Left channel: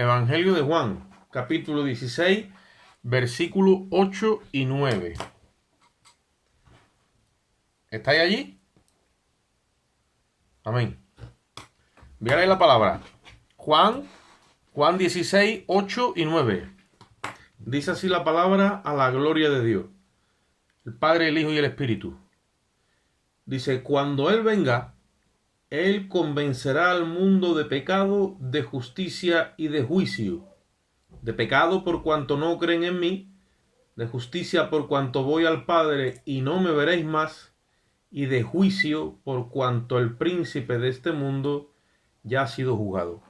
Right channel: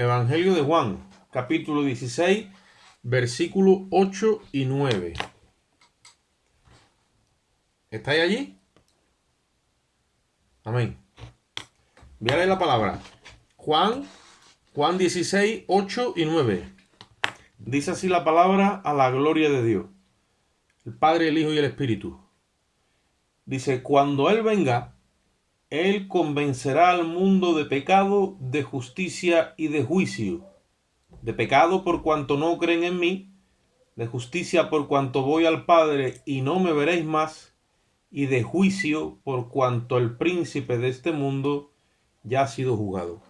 Evangelio de Juan, capítulo 16, versículos 8 y 9. ¿Estáis allí? Amén. Voy a leer la palabra. Juan 16, 8 y 9. Dice así la palabra a la gloria de Dios, el Padre, el Hijo y el Espíritu. Dice, cuando Él venga, Él convencerá al mundo de pecado, de justicia y de juicio. De pecado por cuanto no creen en mí, de justicia por cuanto voy al Padre y no me veréis más, y de juicio por cuanto el príncipe de este mundo ya ha sido juzgado.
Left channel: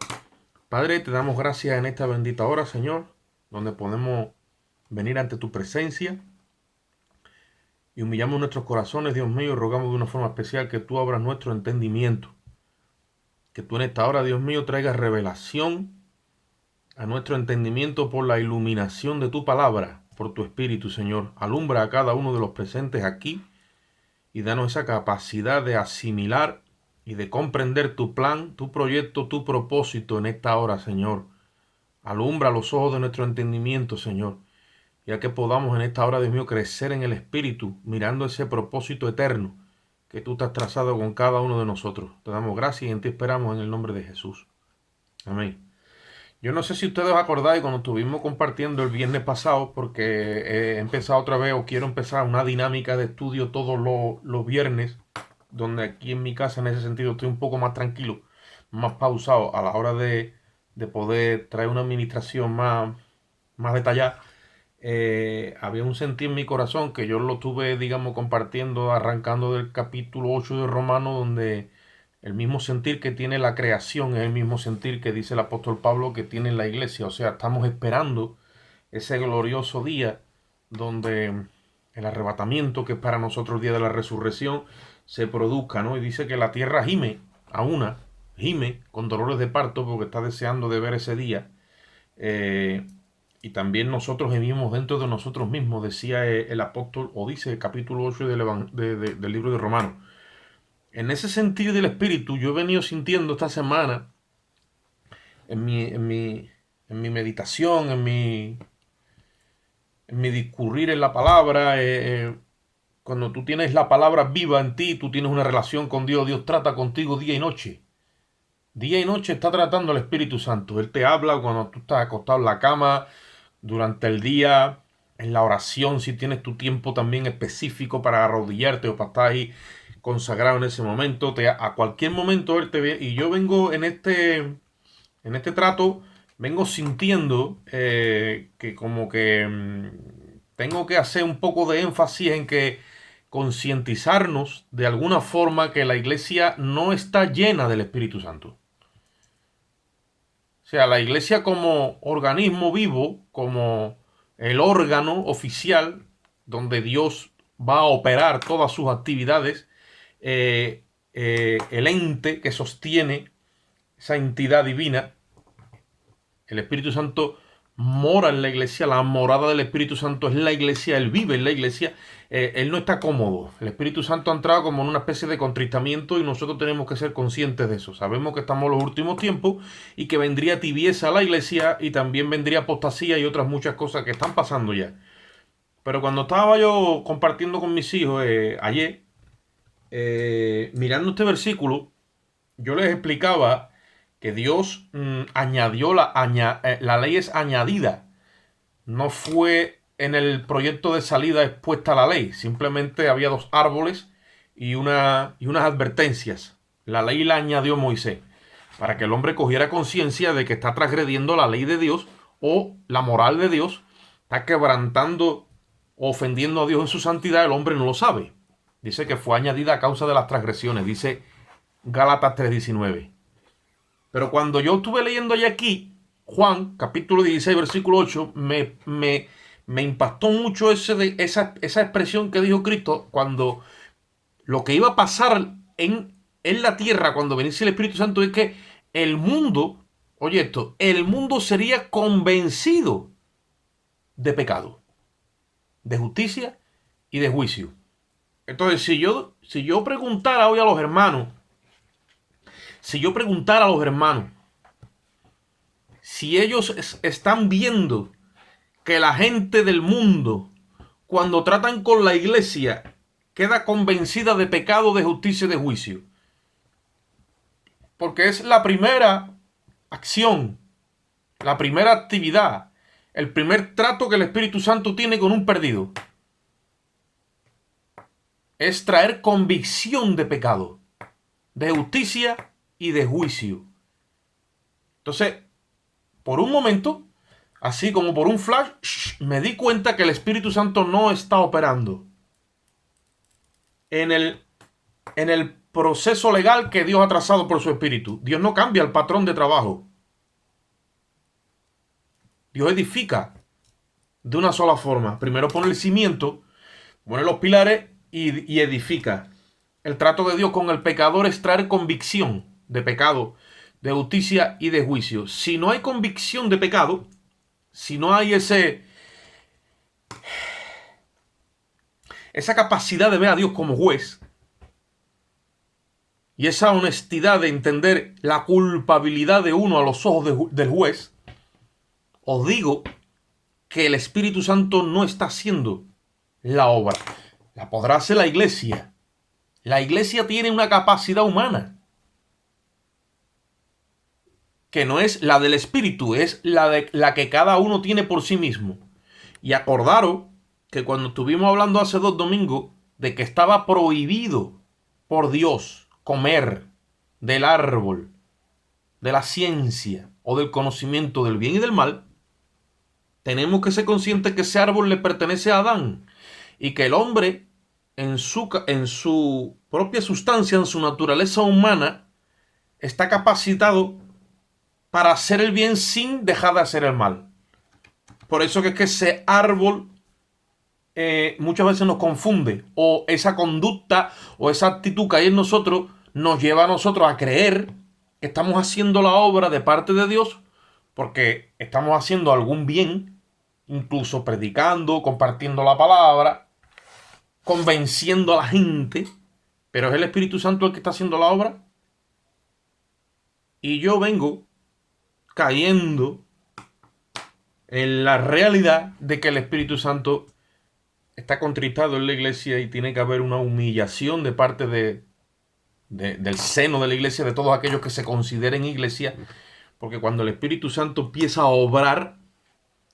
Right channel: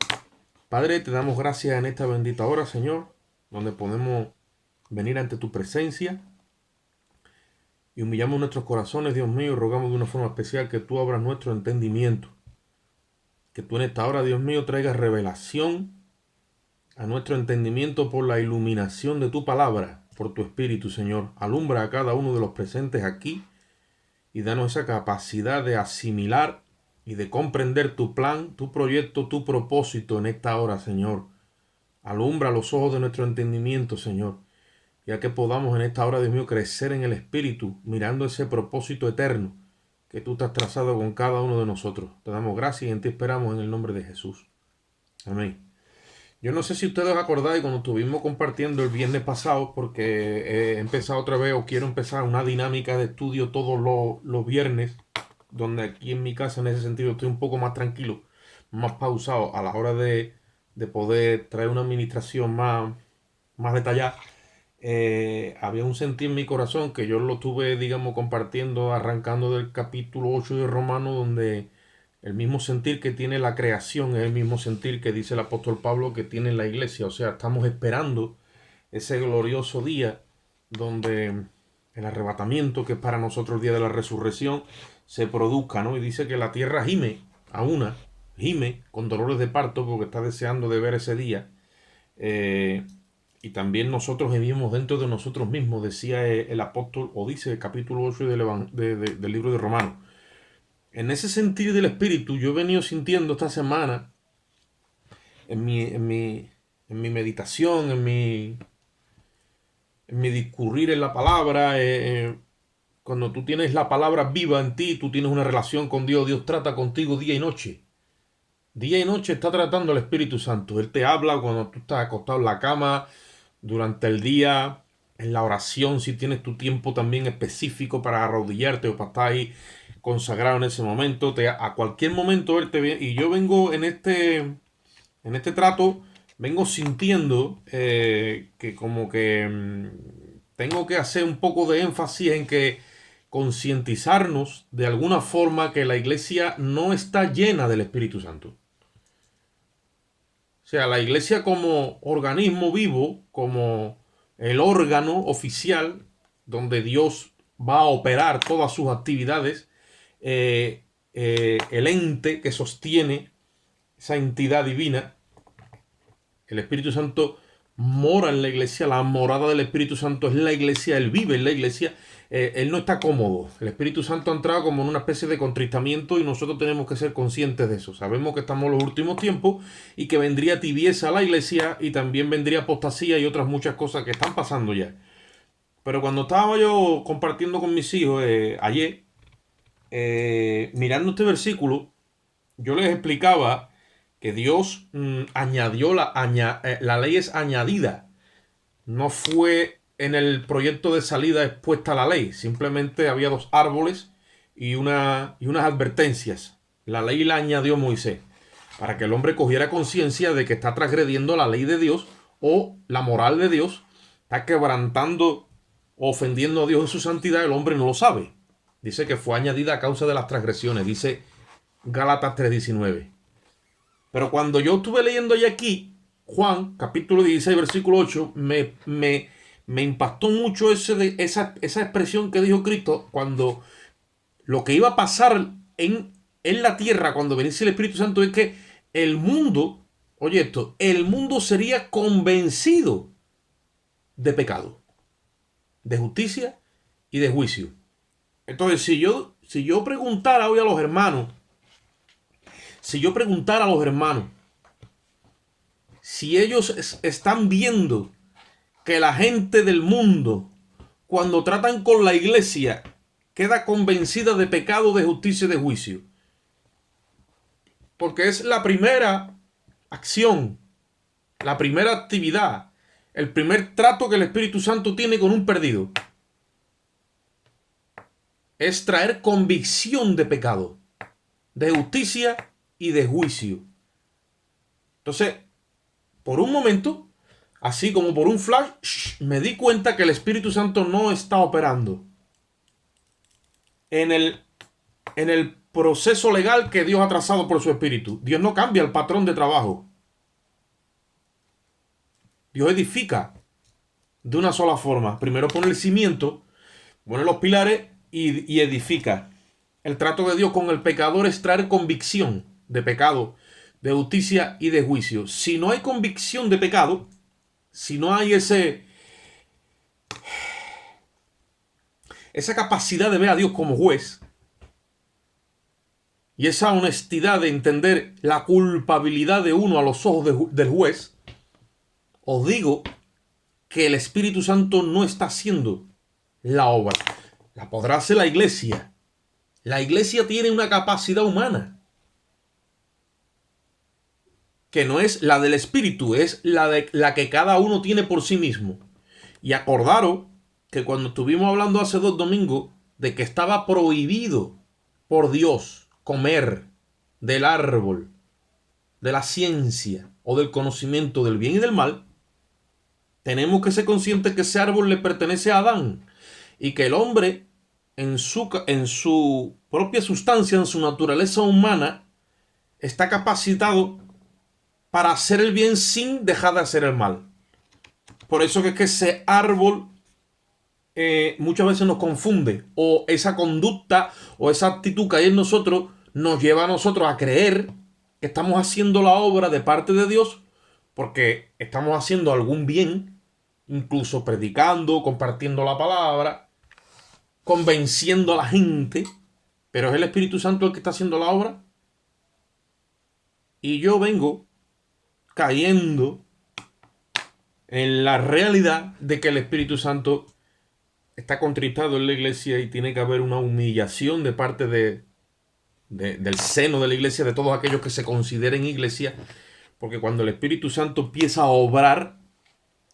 Padre, te damos gracias en esta bendita hora, Señor, donde podemos venir ante tu presencia y humillamos nuestros corazones, Dios mío, y rogamos de una forma especial que tú abras nuestro entendimiento. Que tú en esta hora, Dios mío, traigas revelación a nuestro entendimiento por la iluminación de tu palabra, por tu Espíritu, Señor. Alumbra a cada uno de los presentes aquí y danos esa capacidad de asimilar y de comprender tu plan, tu proyecto, tu propósito en esta hora, Señor. Alumbra los ojos de nuestro entendimiento, Señor, ya que podamos en esta hora, Dios mío, crecer en el Espíritu, mirando ese propósito eterno que tú te has trazado con cada uno de nosotros. Te damos gracias y en ti esperamos en el nombre de Jesús. Amén. Yo no sé si ustedes os acordáis cuando estuvimos compartiendo el viernes pasado, porque he empezado otra vez o quiero empezar una dinámica de estudio todos los viernes, donde aquí en mi casa en ese sentido estoy un poco más tranquilo, más pausado a la hora de poder traer una administración más detallada. Había un sentir en mi corazón que yo lo estuve, digamos, compartiendo, arrancando del capítulo 8 de Romanos, donde el mismo sentir que tiene la creación es el mismo sentir que dice el apóstol Pablo que tiene la iglesia. O sea, estamos esperando ese glorioso día donde el arrebatamiento, que es para nosotros el día de la resurrección, se produzca, ¿no? Y dice que la tierra gime gime con dolores de parto porque está deseando de ver ese día. Y también nosotros vivimos dentro de nosotros mismos, decía el apóstol, o dice el capítulo 8 del libro de Romanos. En ese sentido del espíritu, yo he venido sintiendo esta semana, en mi meditación, en mi discurrir en la palabra, cuando tú tienes la palabra viva en ti, tú tienes una relación con Dios, Dios trata contigo día y noche. Día y noche está tratando el Espíritu Santo. Él te habla cuando tú estás acostado en la cama, durante el día, en la oración, si tienes tu tiempo también específico para arrodillarte o para estar ahí consagrado en ese momento, a cualquier momento Él te viene. Y yo vengo en este trato, vengo sintiendo que como que tengo que hacer un poco de énfasis en que concientizarnos de alguna forma que la iglesia no está llena del Espíritu Santo. O sea, la iglesia como organismo vivo, como el órgano oficial donde Dios va a operar todas sus actividades, el ente que sostiene esa entidad divina, el Espíritu Santo mora en la iglesia, la morada del Espíritu Santo es la iglesia, Él vive en la iglesia, Él no está cómodo. El Espíritu Santo ha entrado como en una especie de contristamiento y nosotros tenemos que ser conscientes de eso. Sabemos que estamos en los últimos tiempos y que vendría tibieza a la iglesia y también vendría apostasía y otras muchas cosas que están pasando ya. Pero cuando estaba yo compartiendo con mis hijos ayer, mirando este versículo, yo les explicaba que Dios añadió la ley es añadida. No fue en el proyecto de salida expuesta la ley. Simplemente había dos árboles y unas advertencias. La ley la añadió Moisés para que el hombre cogiera conciencia de que está transgrediendo la ley de Dios o la moral de Dios, está quebrantando o ofendiendo a Dios en su santidad. El hombre no lo sabe. Dice que fue añadida a causa de las transgresiones. Dice Gálatas 3:19. Pero cuando yo estuve leyendo ya aquí, Juan, capítulo 16, versículo 8, me impactó mucho esa expresión que dijo Cristo cuando lo que iba a pasar en la tierra cuando viniese el Espíritu Santo es que el mundo, oye esto, el mundo sería convencido de pecado, de justicia y de juicio. Entonces, si yo preguntara hoy a los hermanos, Si ellos están viendo que la gente del mundo, cuando tratan con la iglesia, queda convencida de pecado, de justicia y de juicio. Porque es la primera acción, la primera actividad, el primer trato que el Espíritu Santo tiene con un perdido. Es traer convicción de pecado, de justicia y de juicio. Entonces, por un momento, así como por un flash, me di cuenta que el Espíritu Santo no está operando en el proceso legal que Dios ha trazado por su Espíritu. Dios no cambia el patrón de trabajo. Dios edifica de una sola forma. Primero pone el cimiento, pone los pilares y edifica. El trato de Dios con el pecador es traer convicción de pecado, de justicia y de juicio. Si no hay convicción de pecado, si no hay esa capacidad de ver a Dios como juez y esa honestidad de entender la culpabilidad de uno a los ojos del juez, os digo que el Espíritu Santo no está haciendo la obra. La podrá hacer la iglesia. La iglesia tiene una capacidad humana que no es la del Espíritu, es la que cada uno tiene por sí mismo. Y acordaros que cuando estuvimos hablando hace 2 domingos de que estaba prohibido por Dios comer del árbol de la ciencia o del conocimiento del bien y del mal, tenemos que ser conscientes que ese árbol le pertenece a Adán y que el hombre en su propia sustancia, en su naturaleza humana, está capacitado para hacer el bien sin dejar de hacer el mal. Por eso que es que ese árbol muchas veces nos confunde, o esa conducta o esa actitud que hay en nosotros nos lleva a nosotros a creer que estamos haciendo la obra de parte de Dios porque estamos haciendo algún bien, incluso predicando, compartiendo la palabra, convenciendo a la gente, pero es el Espíritu Santo el que está haciendo la obra. Y yo vengo cayendo en la realidad de que el Espíritu Santo está contristado en la iglesia y tiene que haber una humillación de parte del seno de la iglesia, de todos aquellos que se consideren iglesia, porque cuando el Espíritu Santo empieza a obrar,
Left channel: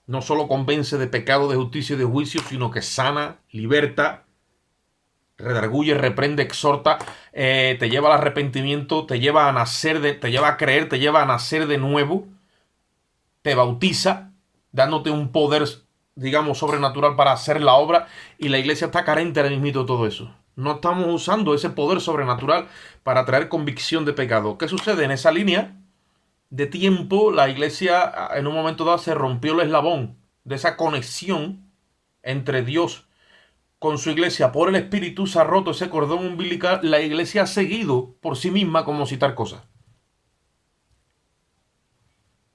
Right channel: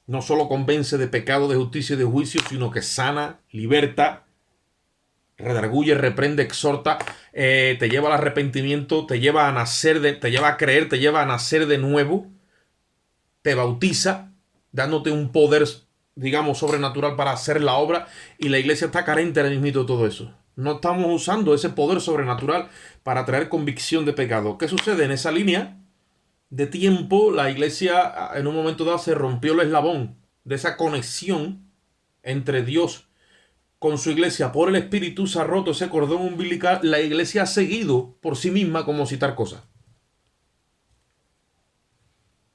no solo convence de pecado, de justicia y de juicio, sino que sana, liberta, redarguye, reprende, exhorta, te lleva al arrepentimiento, te lleva a nacer, te lleva a creer, te lleva a nacer de nuevo, te bautiza, dándote un poder, digamos, sobrenatural para hacer la obra, y la iglesia está carente ahora mismo de todo eso. No estamos usando ese poder sobrenatural para traer convicción de pecado. ¿Qué sucede? En esa línea de tiempo, la iglesia en un momento dado se rompió el eslabón de esa conexión entre Dios con su iglesia por el Espíritu, se ha roto ese cordón umbilical. La iglesia ha seguido por sí misma como citar cosas.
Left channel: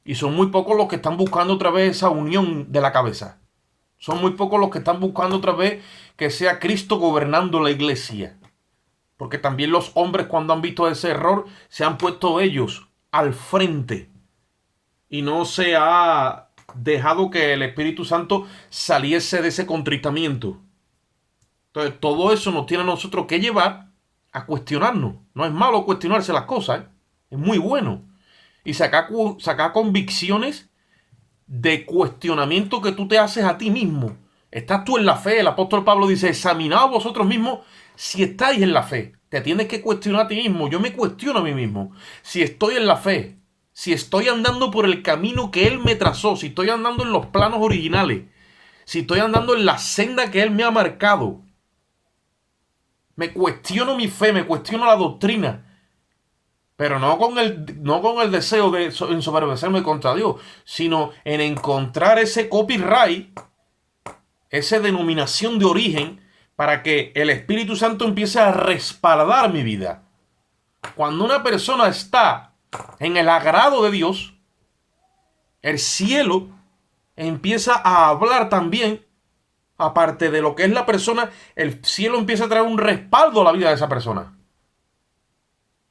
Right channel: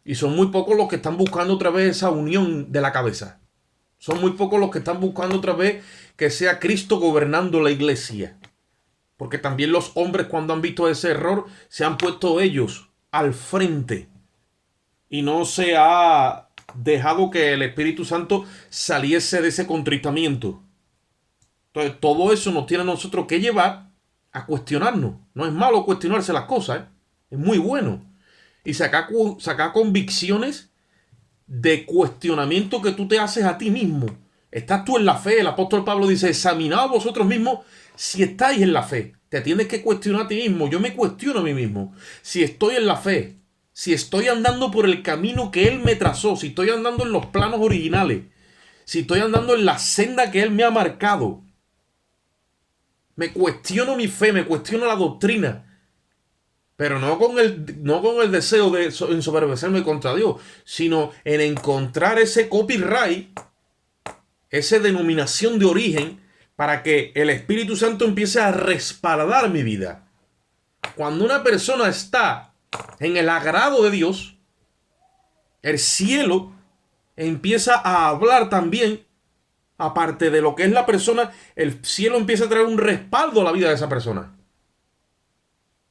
Y son muy pocos los que están buscando otra vez esa unión de la cabeza. Son muy pocos los que están buscando otra vez que sea Cristo gobernando la iglesia. Porque también los hombres, cuando han visto ese error, se han puesto ellos al frente. Y no se ha dejado que el Espíritu Santo saliese de ese contristamiento. Entonces, todo eso nos tiene a nosotros que llevar a cuestionarnos. No es malo cuestionarse las cosas, ¿eh? Es muy bueno. Y sacar convicciones de cuestionamiento que tú te haces a ti mismo. ¿Estás tú en la fe? El apóstol Pablo dice, examinaos vosotros mismos si estáis en la fe. Te tienes que cuestionar a ti mismo. Yo me cuestiono a mí mismo. Si estoy en la fe, si estoy andando por el camino que Él me trazó, si estoy andando en los planos originales, si estoy andando en la senda que Él me ha marcado. Me cuestiono mi fe, me cuestiono la doctrina. Pero no con el deseo de ensoberbecerme contra Dios, sino en encontrar ese copyright, esa denominación de origen, para que el Espíritu Santo empiece a respaldar mi vida. Cuando una persona está en el agrado de Dios, el cielo empieza a hablar también, aparte de lo que es la persona, el cielo empieza a traer un respaldo a la vida de esa persona.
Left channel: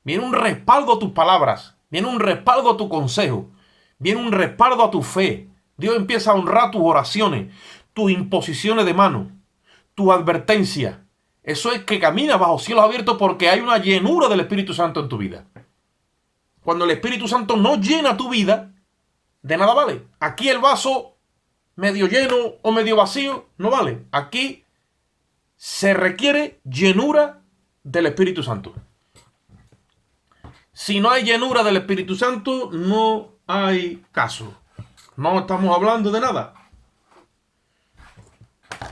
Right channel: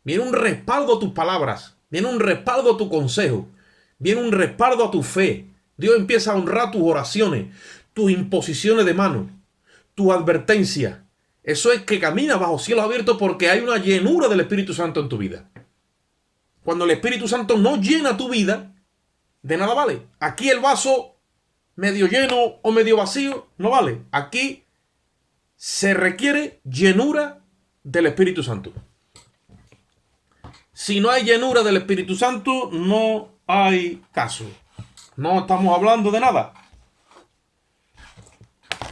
Viene un respaldo a tus palabras. Viene un respaldo a tu consejo. Viene un respaldo a tu fe. Dios empieza a honrar tus oraciones, tus imposiciones de mano, tu advertencia. Eso es que caminas bajo cielos abiertos porque hay una llenura del Espíritu Santo en tu vida. Cuando el Espíritu Santo no llena tu vida, de nada vale. Aquí el vaso medio lleno o medio vacío no vale. Aquí se requiere llenura del Espíritu Santo. Si no hay llenura del Espíritu Santo, no hay caso. No estamos hablando de nada.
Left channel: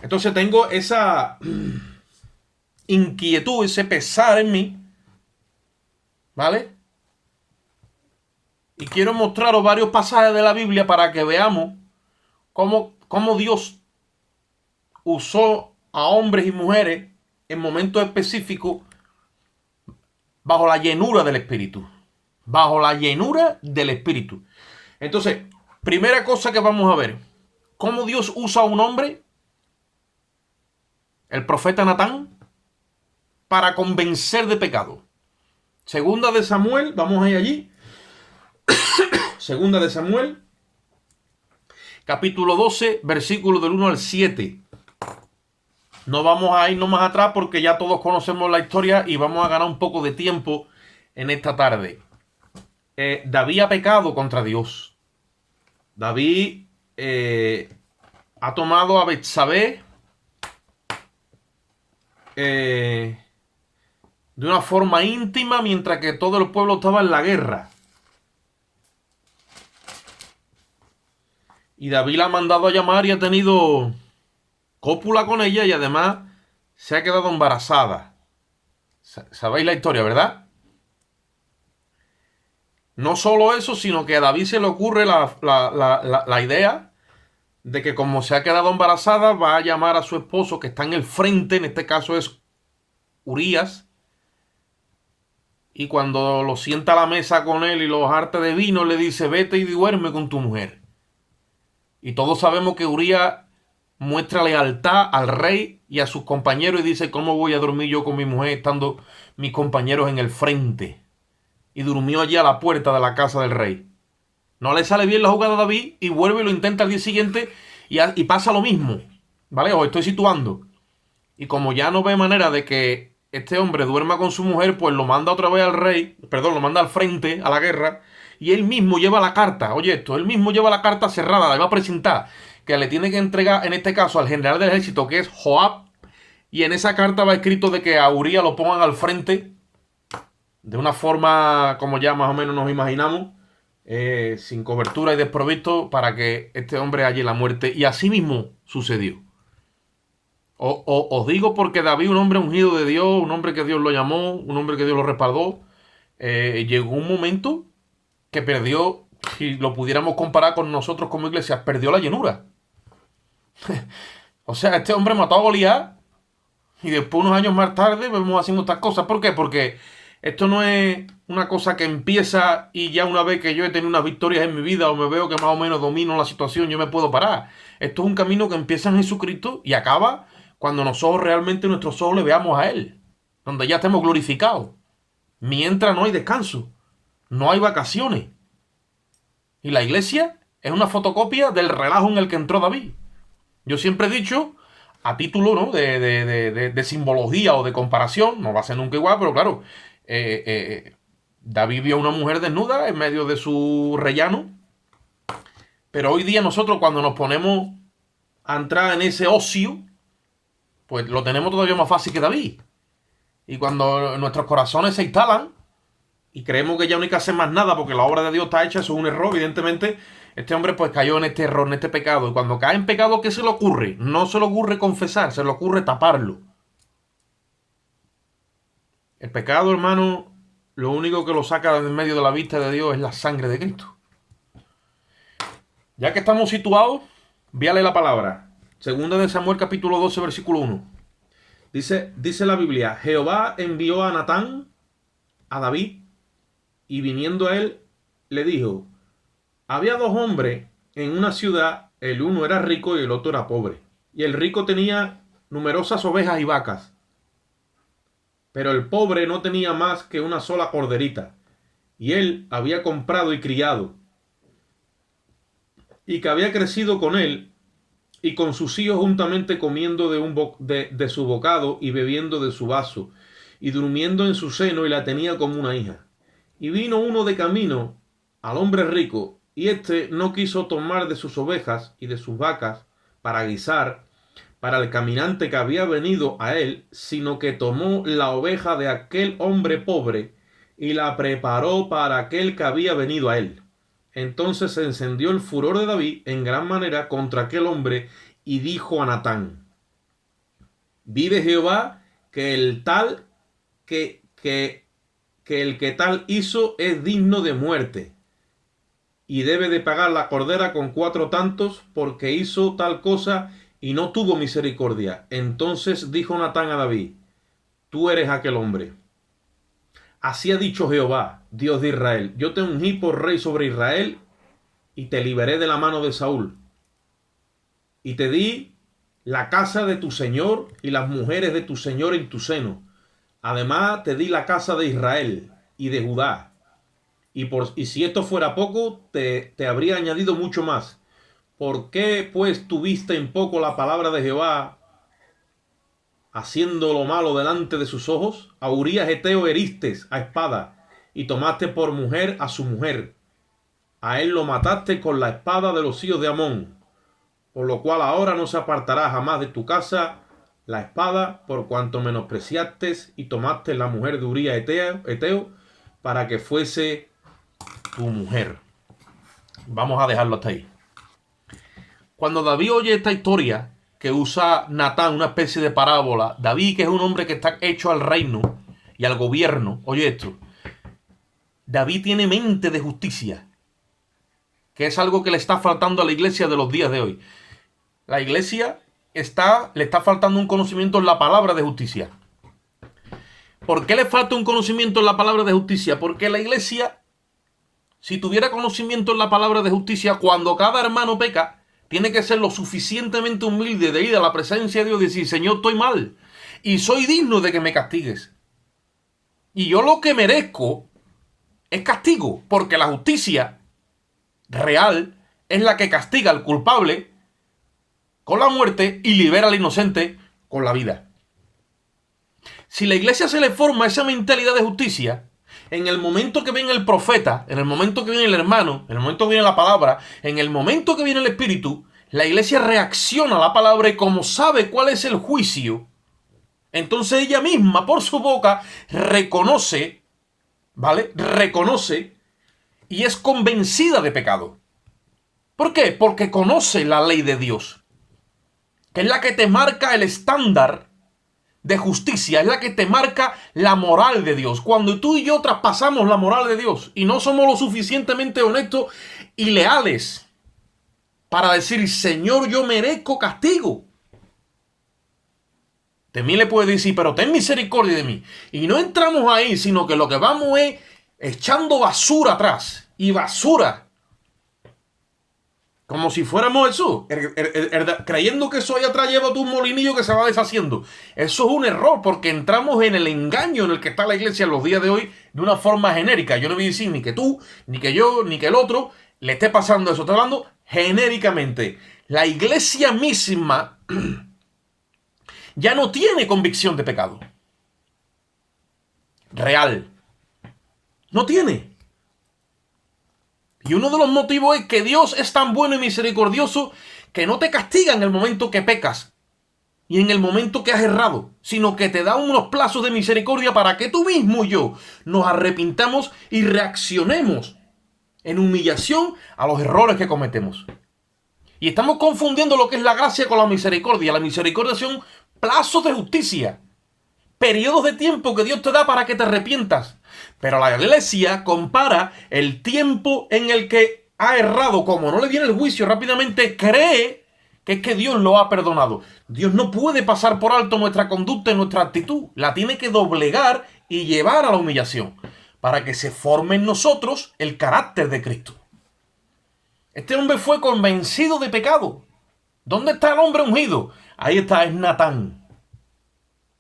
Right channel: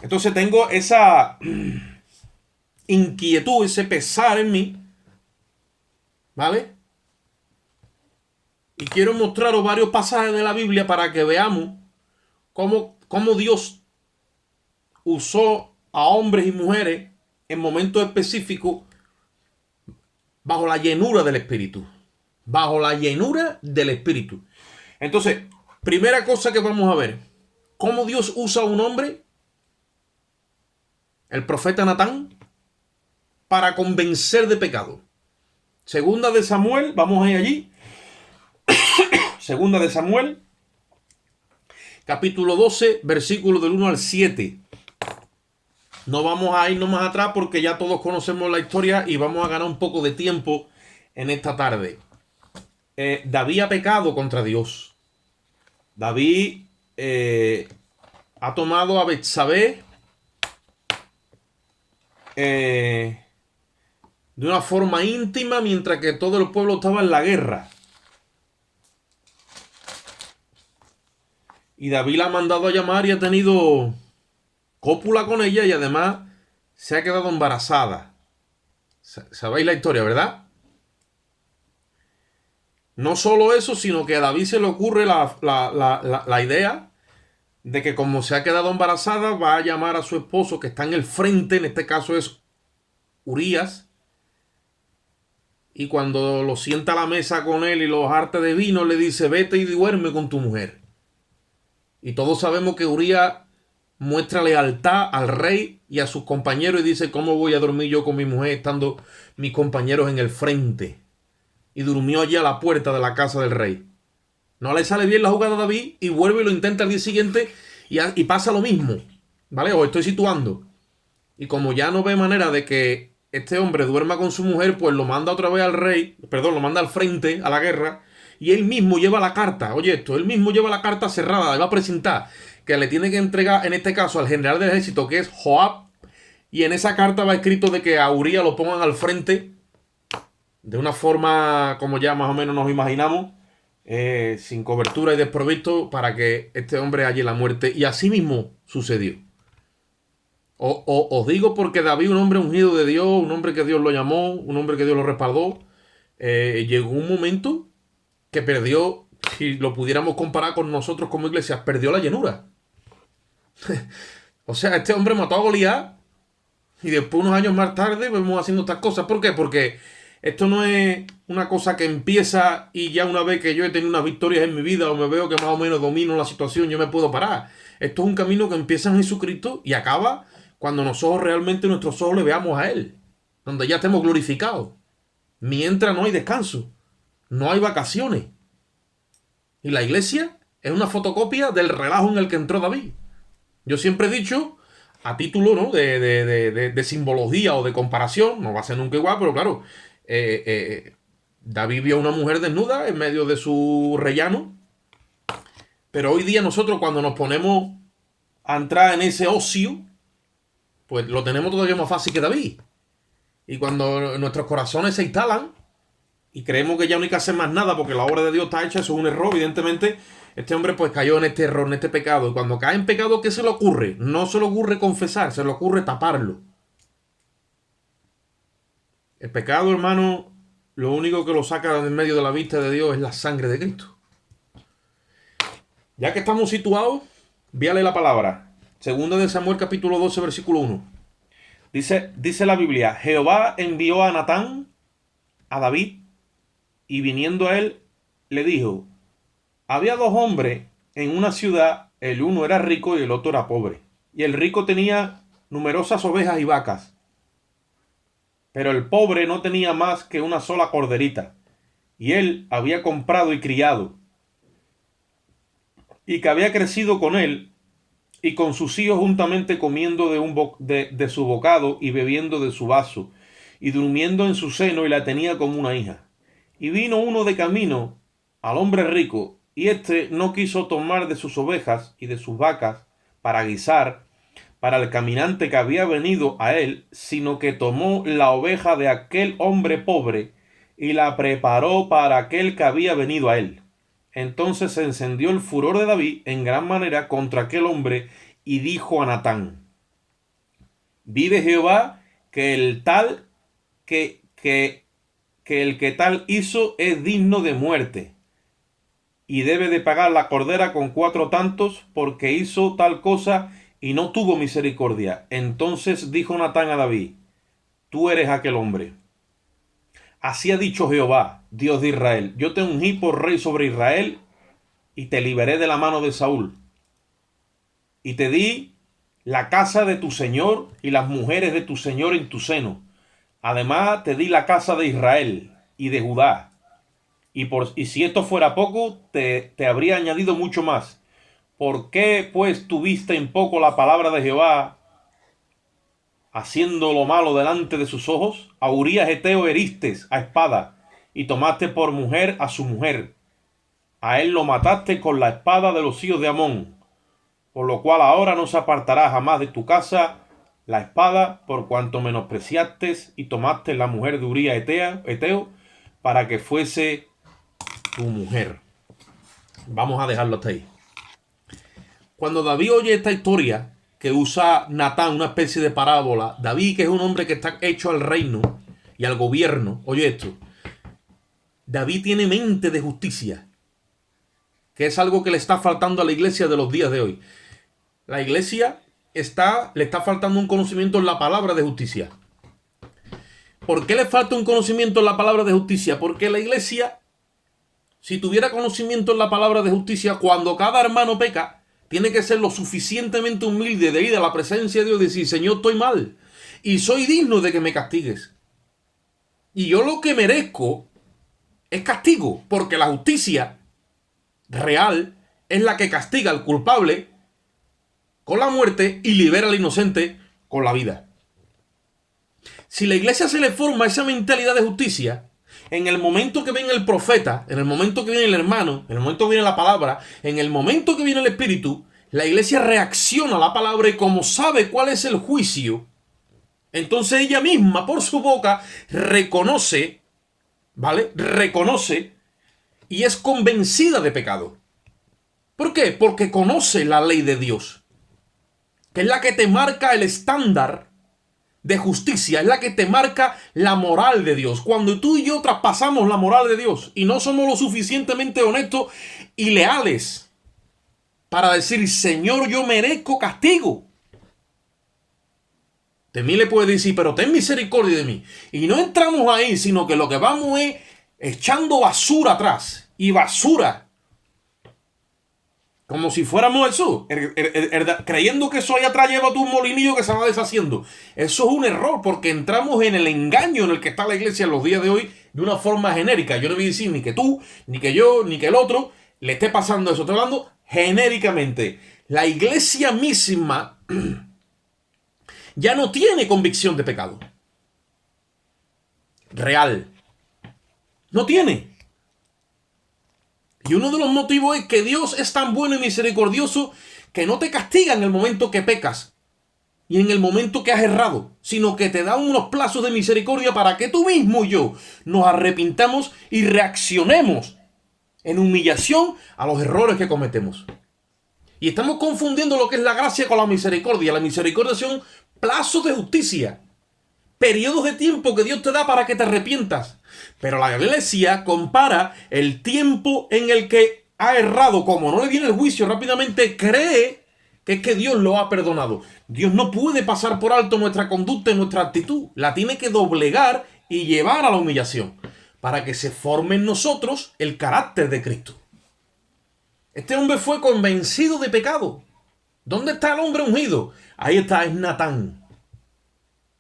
Entonces tengo esa inquietud, ese pesar en mí, ¿vale? Y quiero mostraros varios pasajes de la Biblia para que veamos cómo Dios usó a hombres y mujeres en momentos específicos bajo la llenura del Espíritu. Bajo la llenura del Espíritu. Entonces, primera cosa que vamos a ver. ¿Cómo Dios usa a un hombre? El profeta Natán. Para convencer de pecado. Segunda de Samuel. Vamos a ir allí. Segunda de Samuel. Capítulo 12. Versículo del 1 al 7. No vamos a irnos más atrás porque ya todos conocemos la historia y vamos a ganar un poco de tiempo en esta tarde. David ha pecado contra Dios. David ha tomado a Betsabé de una forma íntima mientras que todo el pueblo estaba en la guerra. Y David la ha mandado a llamar y ha tenido cópula con ella y además se ha quedado embarazada. ¿Sabéis la historia, verdad? No solo eso, sino que a David se le ocurre la idea de que como se ha quedado embarazada, va a llamar a su esposo que está en el frente, en este caso es Urías, y cuando lo sienta a la mesa con él y lo harta de vino, le dice, vete y duerme con tu mujer. Y todos sabemos que Urías muestra lealtad al rey y a sus compañeros y dice, ¿cómo voy a dormir yo con mi mujer estando mis compañeros en el frente? Y durmió allí a la puerta de la casa del rey. No le sale bien la jugada a David y vuelve y lo intenta al día siguiente y pasa lo mismo. ¿Vale? Os estoy situando. Y como ya no ve manera de que este hombre duerma con su mujer, pues lo manda otra vez al rey, perdón, lo manda al frente, a la guerra, y él mismo lleva la carta. Oye esto, él mismo lleva la carta cerrada, le va a presentar, que le tiene que entregar, en este caso, al general del ejército, que es Joab, y en esa carta va escrito de que a Urías lo pongan al frente de una forma como ya más o menos nos imaginamos, sin cobertura y desprovisto, para que este hombre halle la muerte. Y así mismo sucedió. Os digo porque David, un hombre ungido de Dios, un hombre que Dios lo llamó, un hombre que Dios lo respaldó, llegó un momento que perdió, si lo pudiéramos comparar con nosotros como iglesia, perdió la llenura. O sea, este hombre mató a Goliat y después, unos años más tarde, vemos haciendo estas cosas. ¿Por qué? Porque esto no es una cosa que empieza y ya una vez que yo he tenido unas victorias en mi vida o me veo que más o menos domino la situación, yo me puedo parar. Esto es un camino que empieza en Jesucristo y acaba cuando nosotros realmente nuestros ojos le veamos a Él, donde ya estemos glorificados. Mientras no hay descanso, no hay vacaciones. Y la iglesia es una fotocopia del relajo en el que entró David. Yo siempre he dicho, a título, ¿no?, de simbología o de comparación, no va a ser nunca igual, pero claro, David vio a una mujer desnuda en medio de su rellano. Pero hoy día nosotros, cuando nos ponemos a entrar en ese ocio, pues lo tenemos todavía más fácil que David. Y cuando nuestros corazones se instalan y creemos que ya no hay que hacer más nada porque la obra de Dios está hecha, eso es un error, evidentemente. Este hombre pues cayó en este error, en este pecado. Y cuando cae en pecado, ¿qué se le ocurre? No se le ocurre confesar, se le ocurre taparlo. El pecado, hermano, lo único que lo saca de en medio de la vista de Dios es la sangre de Cristo. Ya que estamos situados, véale la palabra. Segunda de Samuel capítulo 12, versículo 1. Dice la Biblia, Jehová envió a Natán a David y viniendo a él le dijo, había dos hombres en una ciudad, el uno era rico y el otro era pobre. Y el rico tenía numerosas ovejas y vacas, pero el pobre no tenía más que una sola corderita, y él había comprado y criado. y que había crecido con él y con sus hijos juntamente comiendo de su bocado y bebiendo de su vaso y durmiendo en su seno y la tenía como una hija. Y vino uno de camino al hombre rico y éste no quiso tomar de sus ovejas y de sus vacas para guisar para el caminante que había venido a él, sino que tomó la oveja de aquel hombre pobre y la preparó para aquel que había venido a él. Entonces se encendió el furor de David en gran manera contra aquel hombre y dijo a Natán: vive Jehová que el tal que el que tal hizo es digno de muerte y debe de pagar la cordera con 4 tantos porque hizo tal cosa y no tuvo misericordia. Entonces dijo Natán a David: tú eres aquel hombre. Así ha dicho Jehová, Dios de Israel: yo te ungí por rey sobre Israel y te liberé de la mano de Saúl. Y te di la casa de tu señor y las mujeres de tu señor en tu seno. Además te di la casa de Israel y de Judá. Y si esto fuera poco, te habría añadido mucho más. ¿Por qué pues tuviste en poco la palabra de Jehová, haciendo lo malo delante de sus ojos? A Urías Eteo heristes a espada, y tomaste por mujer a su mujer. A él lo mataste con la espada de los hijos de Amón. Por lo cual ahora no se apartará jamás de tu casa la espada, por cuanto menospreciaste y tomaste la mujer de Urías Eteo para que fuese tu mujer. Vamos a dejarlo hasta ahí. Cuando David oye esta historia que usa Natán, una especie de parábola, David, que es un hombre que está hecho al reino y al gobierno, oye esto: David tiene mente de justicia, que es algo que le está faltando a la iglesia de los días de hoy. La iglesia le está faltando un conocimiento en la palabra de justicia. ¿Por qué le falta un conocimiento en la palabra de justicia? Porque la iglesia, si tuviera conocimiento en la palabra de justicia, cuando cada hermano peca, tiene que ser lo suficientemente humilde de ir a la presencia de Dios y decir: Señor, estoy mal y soy digno de que me castigues. Y yo lo que merezco es castigo, porque la justicia real es la que castiga al culpable con la muerte y libera al inocente con la vida. Si la iglesia se le forma esa mentalidad de justicia, en el momento que viene el profeta, en el momento que viene el hermano, en el momento que viene la palabra, en el momento que viene el espíritu, la iglesia reacciona a la palabra y como sabe cuál es el juicio, entonces ella misma por su boca reconoce, ¿vale? Reconoce y es convencida de pecado. ¿Por qué? Porque conoce la ley de Dios, que es la que te marca el estándar de justicia, es la que te marca la moral de Dios. Cuando tú y yo traspasamos la moral de Dios y no somos lo suficientemente honestos y leales para decir: Señor, yo merezco castigo, de mí le puede decir: pero ten misericordia de mí. Y no entramos ahí, sino que lo que vamos es echando basura atrás y basura, como si fuéramos Jesús, creyendo que eso allá atrás lleva tu molinillo que se va deshaciendo. Eso es un error, porque entramos en el engaño en el que está la iglesia en los días de hoy de una forma genérica. Yo no voy a decir ni que tú, ni que yo, ni que el otro le esté pasando eso. Estoy hablando genéricamente. La iglesia misma ya no tiene convicción de pecado real. No tiene. Y uno de los motivos es que Dios es tan bueno y misericordioso que no te castiga en el momento que pecas y en el momento que has errado, sino que te da unos plazos de misericordia para que tú mismo y yo nos arrepintamos y reaccionemos en humillación a los errores que cometemos. Y estamos confundiendo lo que es la gracia con la misericordia. La misericordia son plazos de justicia, periodos de tiempo que Dios te da para que te arrepientas. Pero la iglesia compara el tiempo en el que ha errado, como no le viene el juicio rápidamente, cree que es que Dios lo ha perdonado. Dios no puede pasar por alto nuestra conducta y nuestra actitud. La tiene que doblegar y llevar a la humillación para que se forme en nosotros el carácter de Cristo. Este hombre fue convencido de pecado. ¿Dónde está el hombre ungido? Ahí está, es Natán.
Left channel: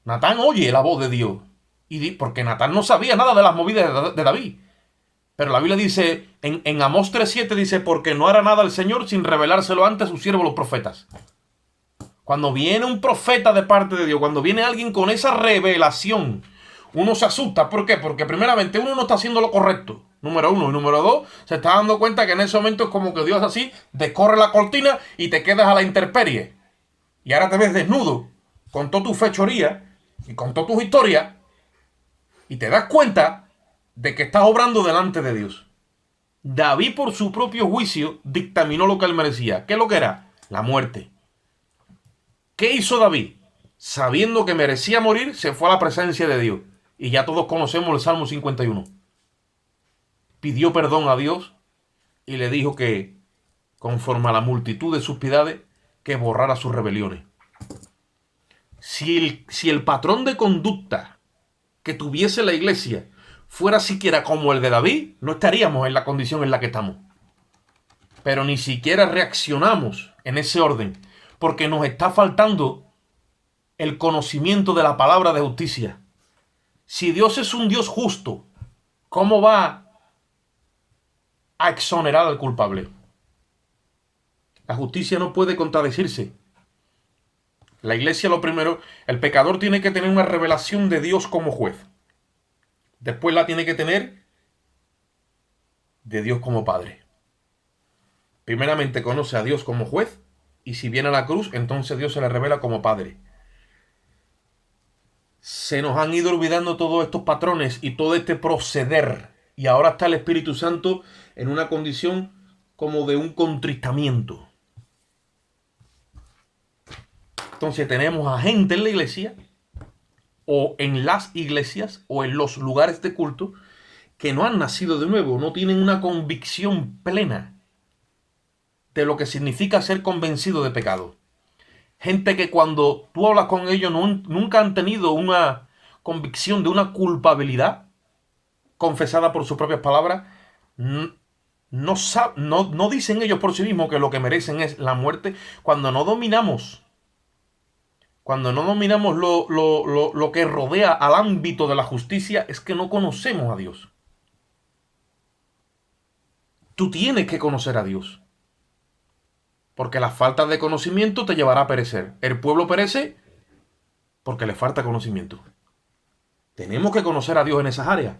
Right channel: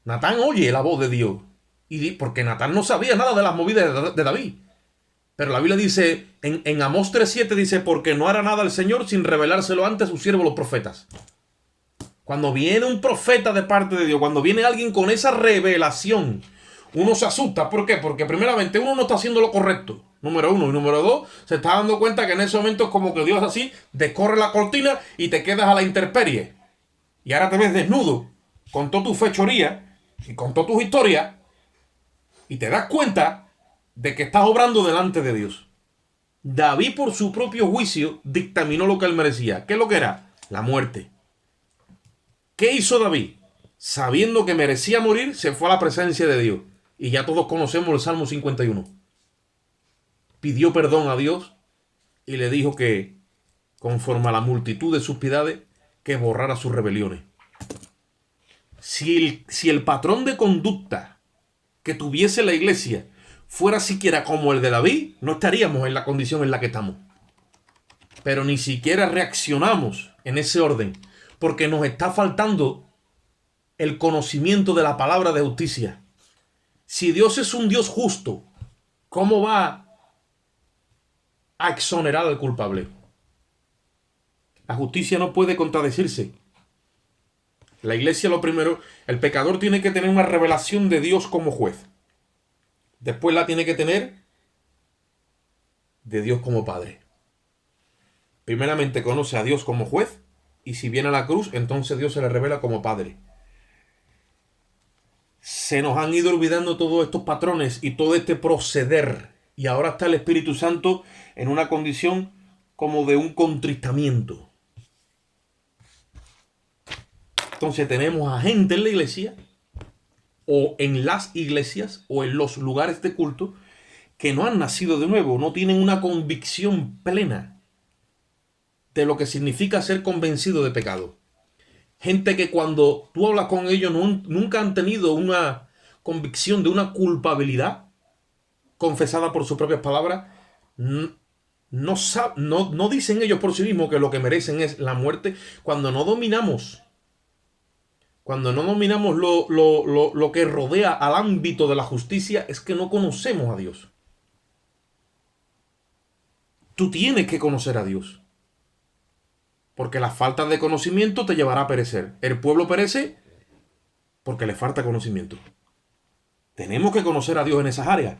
Natán oye la voz de Dios. Porque Natán no sabía nada de las movidas de David. Pero la Biblia dice, en Amós 3:7 dice, porque no hará nada el Señor sin revelárselo antes a sus siervos los profetas. Cuando viene un profeta de parte de Dios, cuando viene alguien con esa revelación, uno se asusta. ¿Por qué? Porque primeramente uno no está haciendo lo correcto. Número uno. Y número dos, se está dando cuenta que en ese momento es como que Dios así descorre la cortina y te quedas a la intemperie. Y ahora te ves desnudo, con toda tu fechoría y con todas tus historias, y te das cuenta de que estás obrando delante de Dios. David, por su propio juicio, dictaminó lo que él merecía. ¿Qué es lo que era? La muerte. ¿Qué hizo David? Sabiendo que merecía morir, se fue a la presencia de Dios. Y ya todos conocemos el Salmo 51. Pidió perdón a Dios y le dijo que, conforme a la multitud de sus piedades, que borrara sus rebeliones. Si el patrón de conducta que tuviese la iglesia fuera siquiera como el de David, no estaríamos en la condición en la que estamos. Pero ni siquiera reaccionamos en ese orden, porque nos está faltando el conocimiento de la palabra de justicia. Si Dios es un Dios justo, ¿cómo va a exonerar al culpable? La justicia no puede contradecirse. La iglesia, lo primero, el pecador tiene que tener una revelación de Dios como juez. Después la tiene que tener de Dios como Padre. Primeramente conoce a Dios como juez, y si viene a la cruz, entonces Dios se le revela como Padre. Se nos han ido olvidando todos estos patrones y todo este proceder. Y ahora está el Espíritu Santo en una condición como de un contristamiento. Entonces tenemos a gente en la iglesia, o en las iglesias, o en los lugares de culto, que no han nacido de nuevo, no tienen una convicción plena de lo que significa ser convencido de pecado. Gente que cuando tú hablas con ellos nunca han tenido una convicción de una culpabilidad confesada por sus propias palabras. No dicen ellos por sí mismos que lo que merecen es la muerte. Cuando no dominamos lo que rodea al ámbito de la justicia, es que no conocemos a Dios. Tú tienes que conocer a Dios, porque la falta de conocimiento te llevará a perecer. El pueblo perece porque le falta conocimiento. Tenemos que conocer a Dios en esas áreas.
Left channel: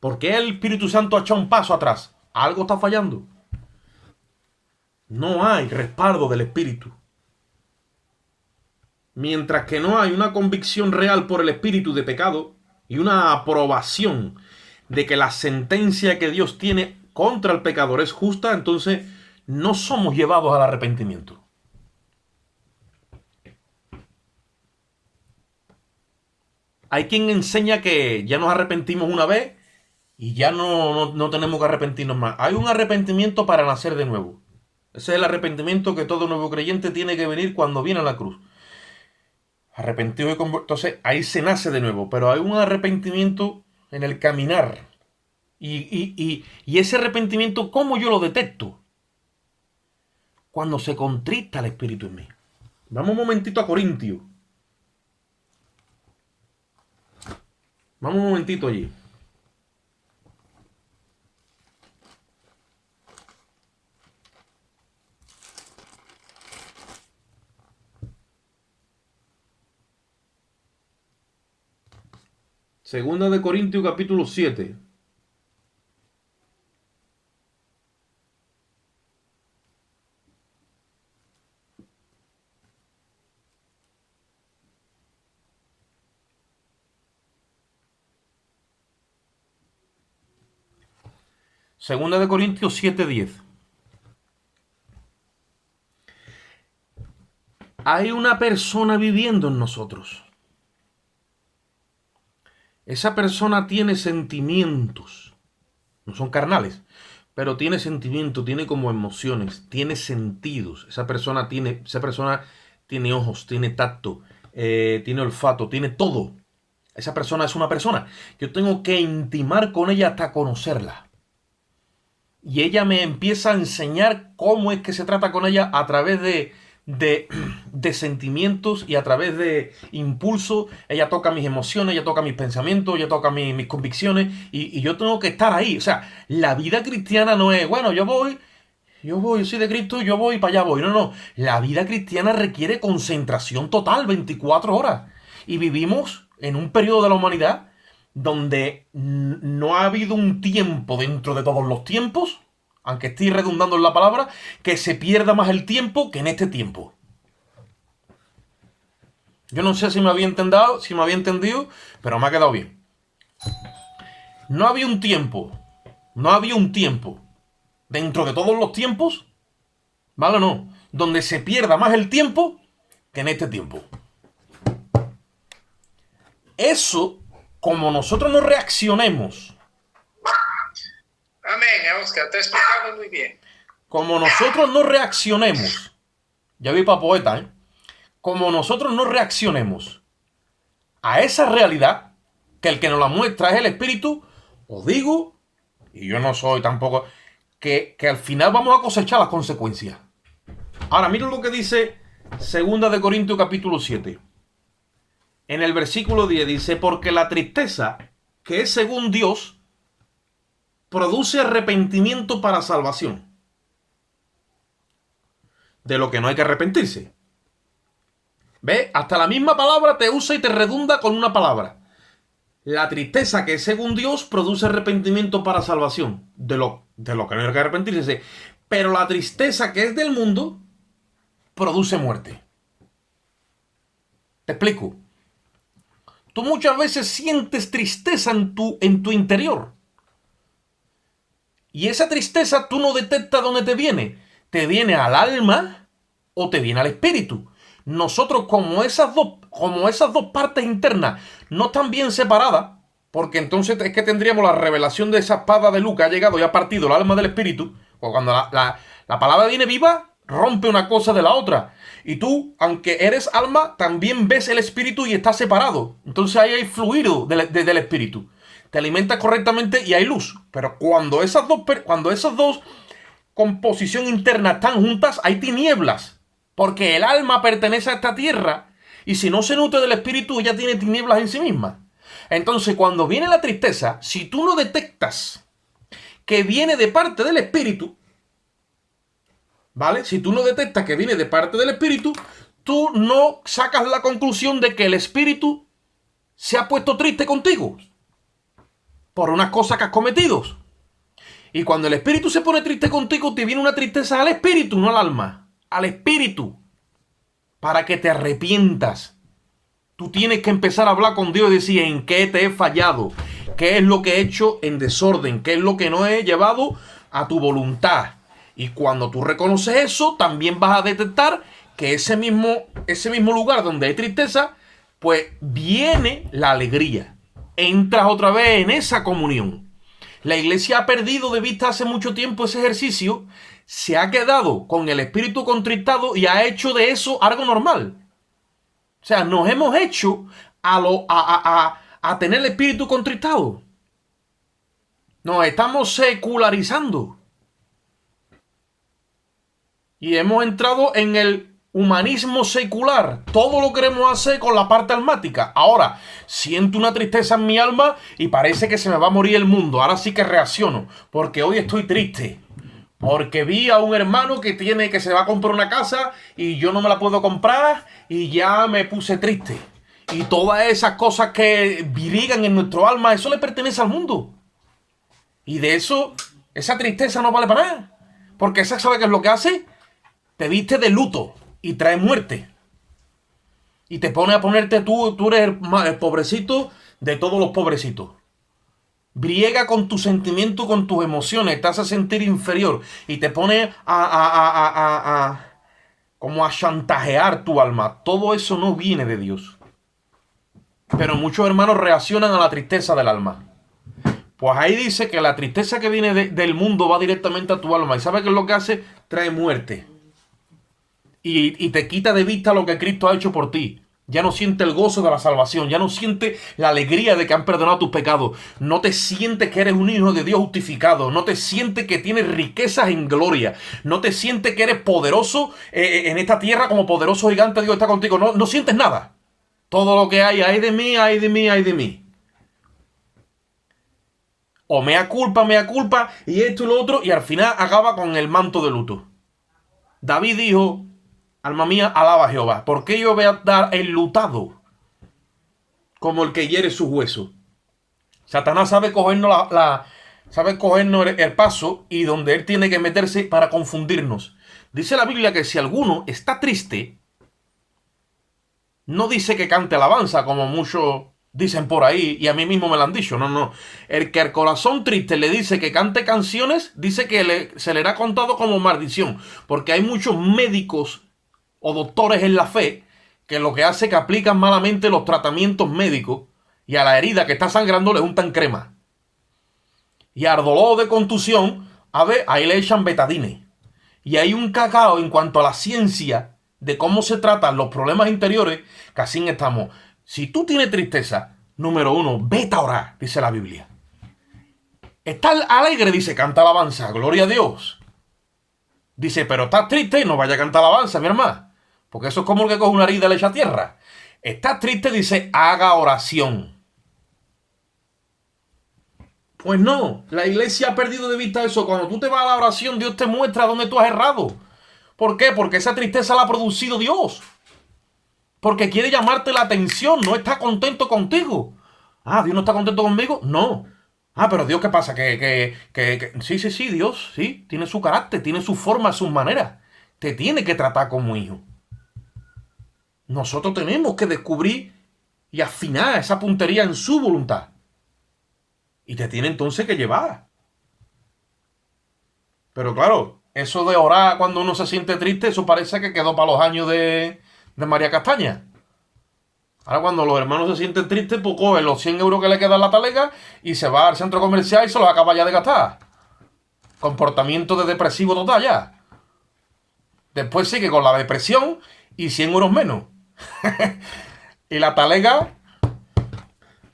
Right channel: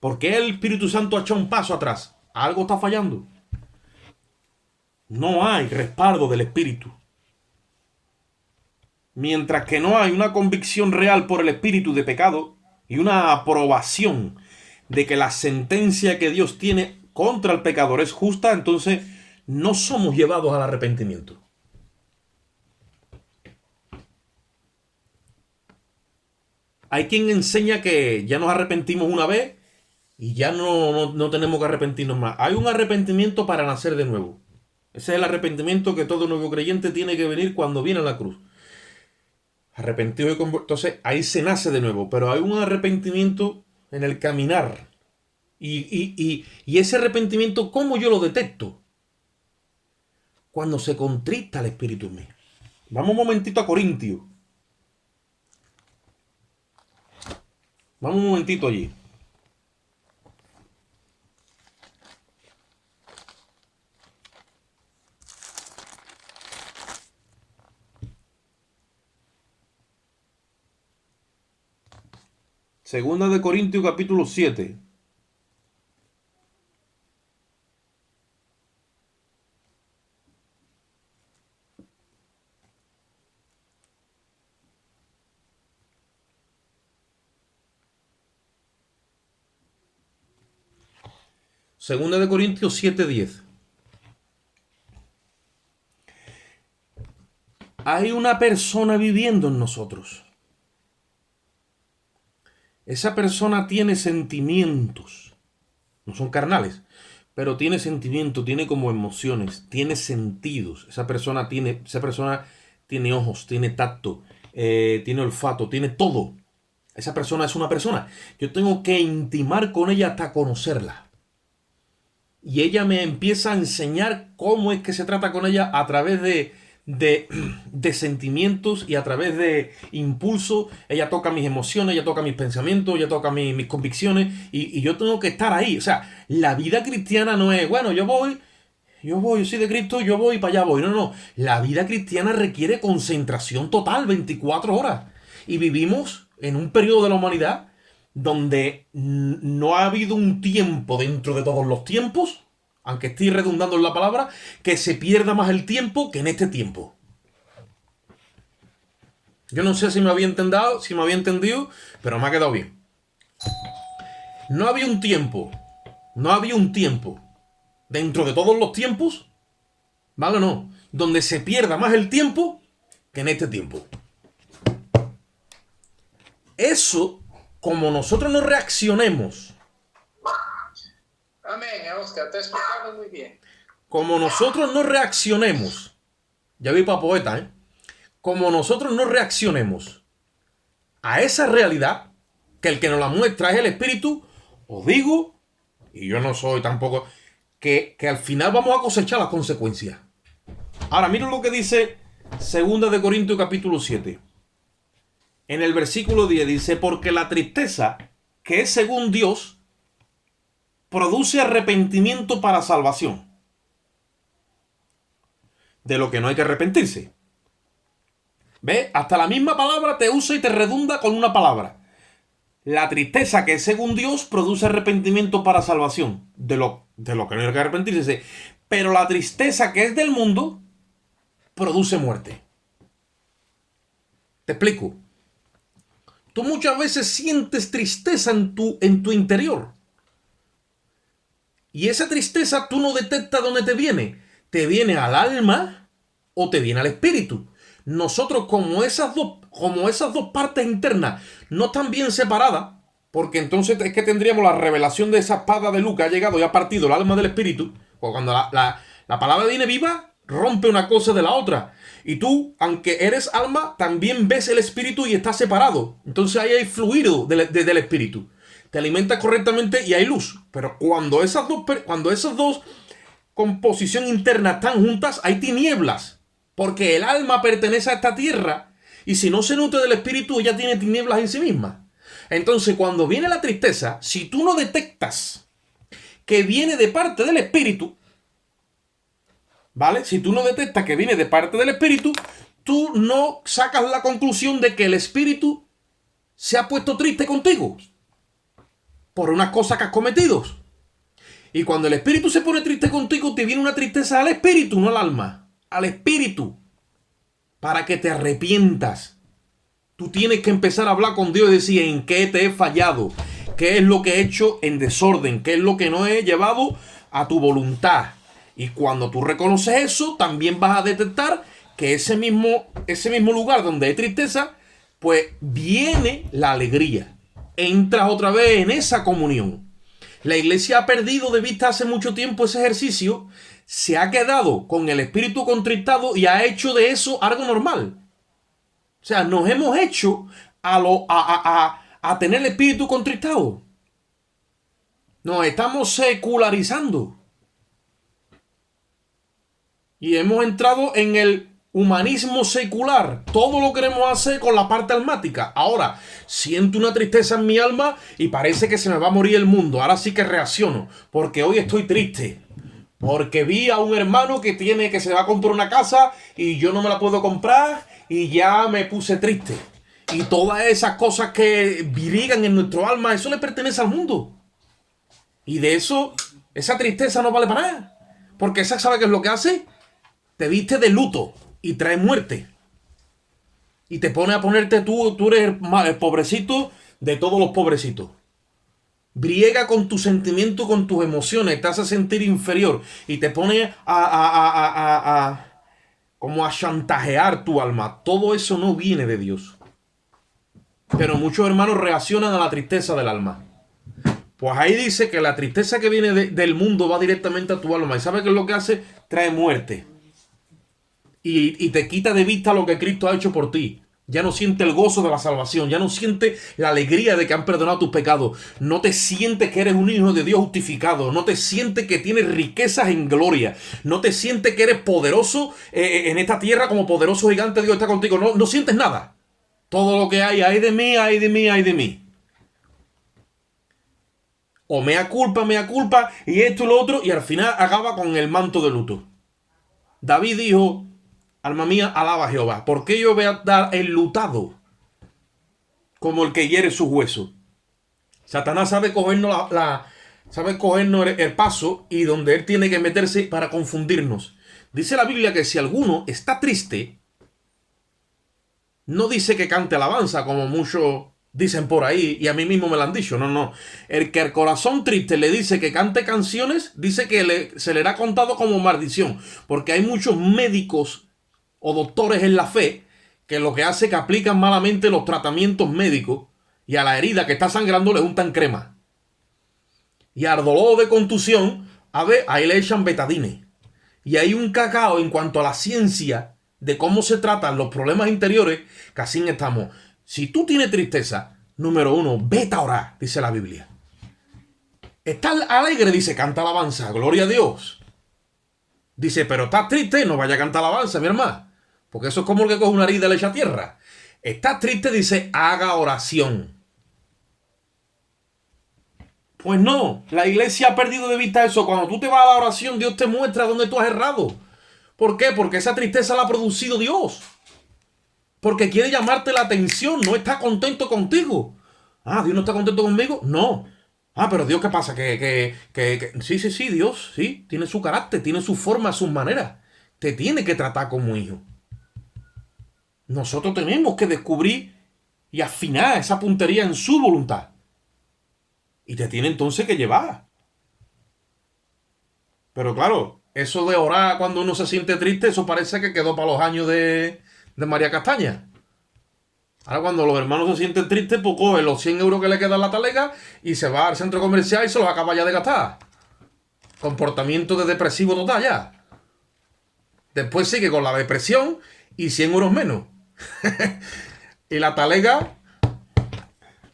¿Por qué el Espíritu Santo ha hecho un paso atrás? Algo está fallando. No hay respaldo del Espíritu. Mientras que no hay una convicción real por el Espíritu de pecado y una aprobación de que la sentencia que Dios tiene contra el pecador es justa, entonces no somos llevados al arrepentimiento. Hay quien enseña que ya nos arrepentimos una vez y ya no tenemos que arrepentirnos más. Hay un arrepentimiento para nacer de nuevo. Ese es el arrepentimiento que todo nuevo creyente tiene que venir cuando viene a la cruz. Arrepentido y convertido. Entonces ahí se nace de nuevo. Pero hay un arrepentimiento en el caminar. Y ese arrepentimiento, ¿cómo yo lo detecto? Cuando se contrista el Espíritu en mí. Vamos un momentito a Corintios. Vamos un momentito allí. Segunda de Corintios capítulo 7. Segunda de Corintios 7:10. Hay una persona viviendo en nosotros. Esa persona tiene sentimientos. No son carnales, pero tiene sentimientos, tiene como emociones, tiene sentidos. Esa persona tiene ojos, tiene tacto, tiene olfato, tiene todo. Esa persona es una persona. Yo tengo que intimar con ella hasta conocerla. Y ella me empieza a enseñar cómo es que se trata con ella a través de de sentimientos y a través de impulsos. Ella toca mis emociones, ella toca mis pensamientos, ella toca mis convicciones y yo tengo que estar ahí. O sea, la vida cristiana no es, bueno, yo soy de Cristo, yo voy y para allá voy. No, no. La vida cristiana requiere concentración total, 24 horas. Y vivimos en un periodo de la humanidad donde no ha habido un tiempo dentro de todos los tiempos, aunque estoy redundando en la palabra, que se pierda más el tiempo que en este tiempo. Yo no sé si me había entendido, pero me ha quedado bien. No había un tiempo dentro de todos los tiempos, ¿vale o no? Donde se pierda más el tiempo que en este tiempo. Eso, como nosotros no reaccionemos. Amén, Oscar, te explicado muy bien. Como nosotros no reaccionemos, ya vi para poeta, ¿eh? Como nosotros no reaccionemos a esa realidad, que el que nos la muestra es el Espíritu, os digo, y yo no soy tampoco, que al final vamos a cosechar las consecuencias. Ahora, miren lo que dice 2 de Corintios capítulo 7. En el versículo 10 dice, porque la tristeza, que es según Dios, produce arrepentimiento para salvación. De lo que no hay que arrepentirse. ¿Ves? Hasta la misma palabra te usa y te redunda con una palabra. La tristeza, que es según Dios, produce arrepentimiento para salvación. De lo que no hay que arrepentirse. Pero la tristeza, que es del mundo, produce muerte. Te explico. Tú muchas veces sientes tristeza en tu interior. Y esa tristeza tú no detectas dónde te viene. Te viene al alma o te viene al espíritu. Nosotros, como esas dos partes internas no están bien separadas, porque entonces es que tendríamos la revelación de esa espada de luz que ha llegado y ha partido el alma del espíritu. Pues cuando la palabra viene viva, rompe una cosa de la otra. Y tú, aunque eres alma, también ves el espíritu y estás separado. Entonces ahí hay fluido del espíritu. Te alimentas correctamente y hay luz. Pero cuando esas dos composición interna están juntas, hay tinieblas. Porque el alma pertenece a esta tierra. Y si no se nutre del espíritu, ella tiene tinieblas en sí misma. Entonces, cuando viene la tristeza, si tú no detectas que viene de parte del espíritu, ¿vale? Si tú no detectas que viene de parte del espíritu, tú no sacas la conclusión de que el espíritu se ha puesto triste contigo por unas cosas que has cometido. Y cuando el espíritu se pone triste contigo, te viene una tristeza al espíritu, no al alma. Al espíritu. Para que te arrepientas. Tú tienes que empezar a hablar con Dios y decir en qué te he fallado. ¿Qué es lo que he hecho en desorden? ¿Qué es lo que no he llevado a tu voluntad? Y cuando tú reconoces eso, también vas a detectar que ese mismo lugar donde hay tristeza, pues viene la alegría. Entras otra vez en esa comunión. La iglesia ha perdido de vista hace mucho tiempo ese ejercicio, se ha quedado con el espíritu contristado y ha hecho de eso algo normal. O sea, nos hemos hecho a tener el espíritu contristado. Nos estamos secularizando. Y hemos entrado en el humanismo secular. Todo lo queremos hacer con la parte almática. Ahora, siento una tristeza en mi alma y parece que se me va a morir el mundo. Ahora sí que reacciono. Porque hoy estoy triste. Porque vi a un hermano que se va a comprar una casa y yo no me la puedo comprar y ya me puse triste. Y todas esas cosas que virigan en nuestro alma, eso le pertenece al mundo. Y de eso, esa tristeza no vale para nada. Porque esa, ¿sabe qué es lo que hace? Te viste de luto y trae muerte. Y te pone a ponerte tú eres el pobrecito de todos los pobrecitos. Briega con tu sentimiento, con tus emociones, te hace sentir inferior y te pone como a chantajear tu alma. Todo eso no viene de Dios. Pero muchos hermanos reaccionan a la tristeza del alma. Pues ahí dice que la tristeza que viene del mundo va directamente a tu alma. ¿Y sabes qué es lo que hace? Trae muerte. Y te quita de vista lo que Cristo ha hecho por ti. Ya no siente el gozo de la salvación. Ya no siente la alegría de que han perdonado tus pecados. No te sientes que eres un hijo de Dios justificado. No te sientes que tienes riquezas en gloria. No te sientes que eres poderoso en esta tierra como poderoso gigante. Dios está contigo. No sientes nada. Todo lo que hay, ay de mí, ay de mí, ay de mí. O mea culpa, y esto y lo otro, y al final acaba con el manto de luto. David dijo, alma mía, alaba a Jehová, porque yo voy a dar enlutado como el que hiere sus huesos. Satanás sabe cogernos sabe cogernos el paso y donde él tiene que meterse para confundirnos. Dice la Biblia que si alguno está triste, no dice que cante alabanza, como muchos dicen por ahí, y a mí mismo me lo han dicho. No. El que al corazón triste le dice que cante canciones, dice que se le hará contado como maldición. Porque hay muchos médicos o doctores en la fe que lo que hace es que aplican malamente los tratamientos médicos y a la herida que está sangrando le untan crema. Y al dolor de contusión, ahí le echan betadine. Y hay un cacao en cuanto a la ciencia de cómo se tratan los problemas interiores, que así estamos. Si tú tienes tristeza, número 1, vete a orar, dice la Biblia. Estás alegre, dice, canta alabanza, gloria a Dios. Dice, pero estás triste, no vaya a cantar alabanza, mi hermano. Porque eso es como el que coge una herida y le echa tierra. Estás triste, dice, haga oración. Pues no, la iglesia ha perdido de vista eso. Cuando tú te vas a la oración, Dios te muestra dónde tú has errado. ¿Por qué? Porque esa tristeza la ha producido Dios. Porque quiere llamarte la atención, no está contento contigo. Ah, ¿Dios no está contento conmigo? No. Ah, pero Dios, ¿qué pasa? Sí, Dios, sí, tiene su carácter, tiene su forma, sus maneras. Te tiene que tratar como hijo. Nosotros tenemos que descubrir y afinar esa puntería en su voluntad. Y te tiene entonces que llevar. Pero claro, eso de orar cuando uno se siente triste, eso parece que quedó para los años de María Castaña. Ahora cuando los hermanos se sienten tristes, pues coge los 100 euros que le quedan la talega y se va al centro comercial y se los acaba ya de gastar. Comportamiento de depresivo total ya. Después sigue con la depresión y 100 euros menos. Y la talega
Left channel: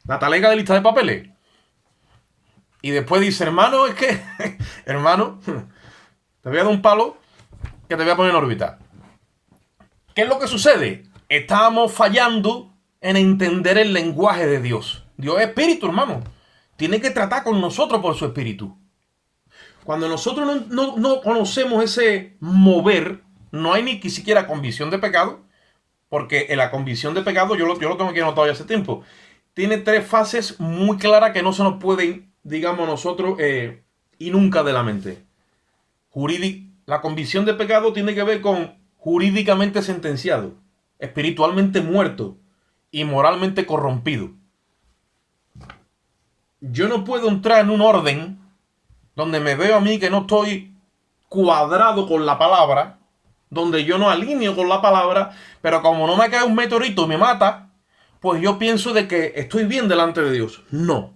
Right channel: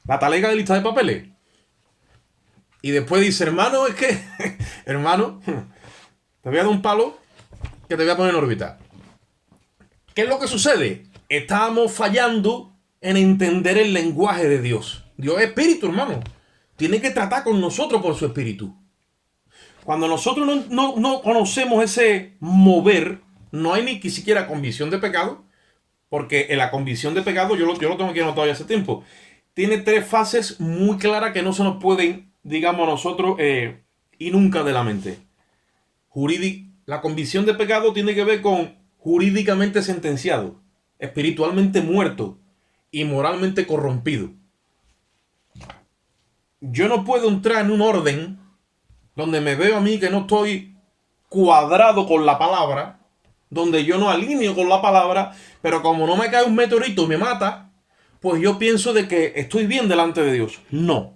de lista de papeles. Y después dice, hermano, es que, hermano, te voy a dar un palo que te voy a poner en órbita. ¿Qué es lo que sucede? Estamos fallando en entender el lenguaje de Dios. Dios es espíritu, hermano. Tiene que tratar con nosotros por su espíritu. Cuando nosotros no conocemos ese mover, no hay ni siquiera convicción de pecado, porque en la convicción de pecado, yo lo tengo aquí anotado ya hace tiempo, tiene 3 fases muy claras que no se nos pueden, digamos nosotros, y nunca de la mente. La convicción de pecado tiene que ver con jurídicamente sentenciado, espiritualmente muerto y moralmente corrompido. Yo no puedo entrar en un orden donde me veo a mí que no estoy cuadrado con la palabra, donde yo no alineo con la palabra, pero como no me cae un meteorito y me mata, pues yo pienso de que estoy bien delante de Dios. No.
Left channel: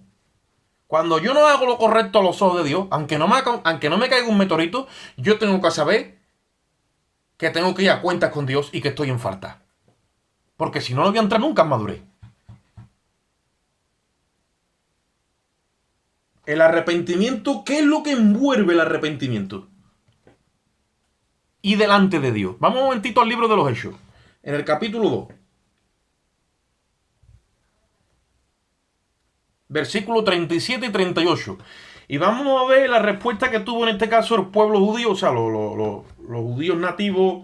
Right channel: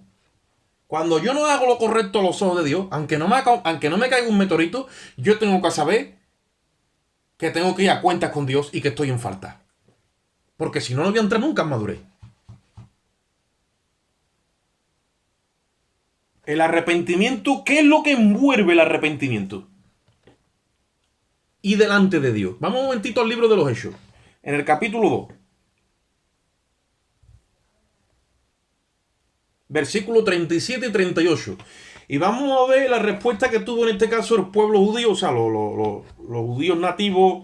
Cuando yo no hago lo correcto a los ojos de Dios, aunque no me caiga un meteorito, yo tengo que saber que tengo que ir a cuentas con Dios y que estoy en falta. Porque si no, no voy a entrar nunca en madurez. El arrepentimiento, ¿qué es lo que envuelve el arrepentimiento? Y delante de Dios. Vamos un momentito al libro de los Hechos. En el capítulo 2. Versículos 37 y 38. Y vamos a ver la respuesta que tuvo en este caso el pueblo judío, o sea, los judíos nativos,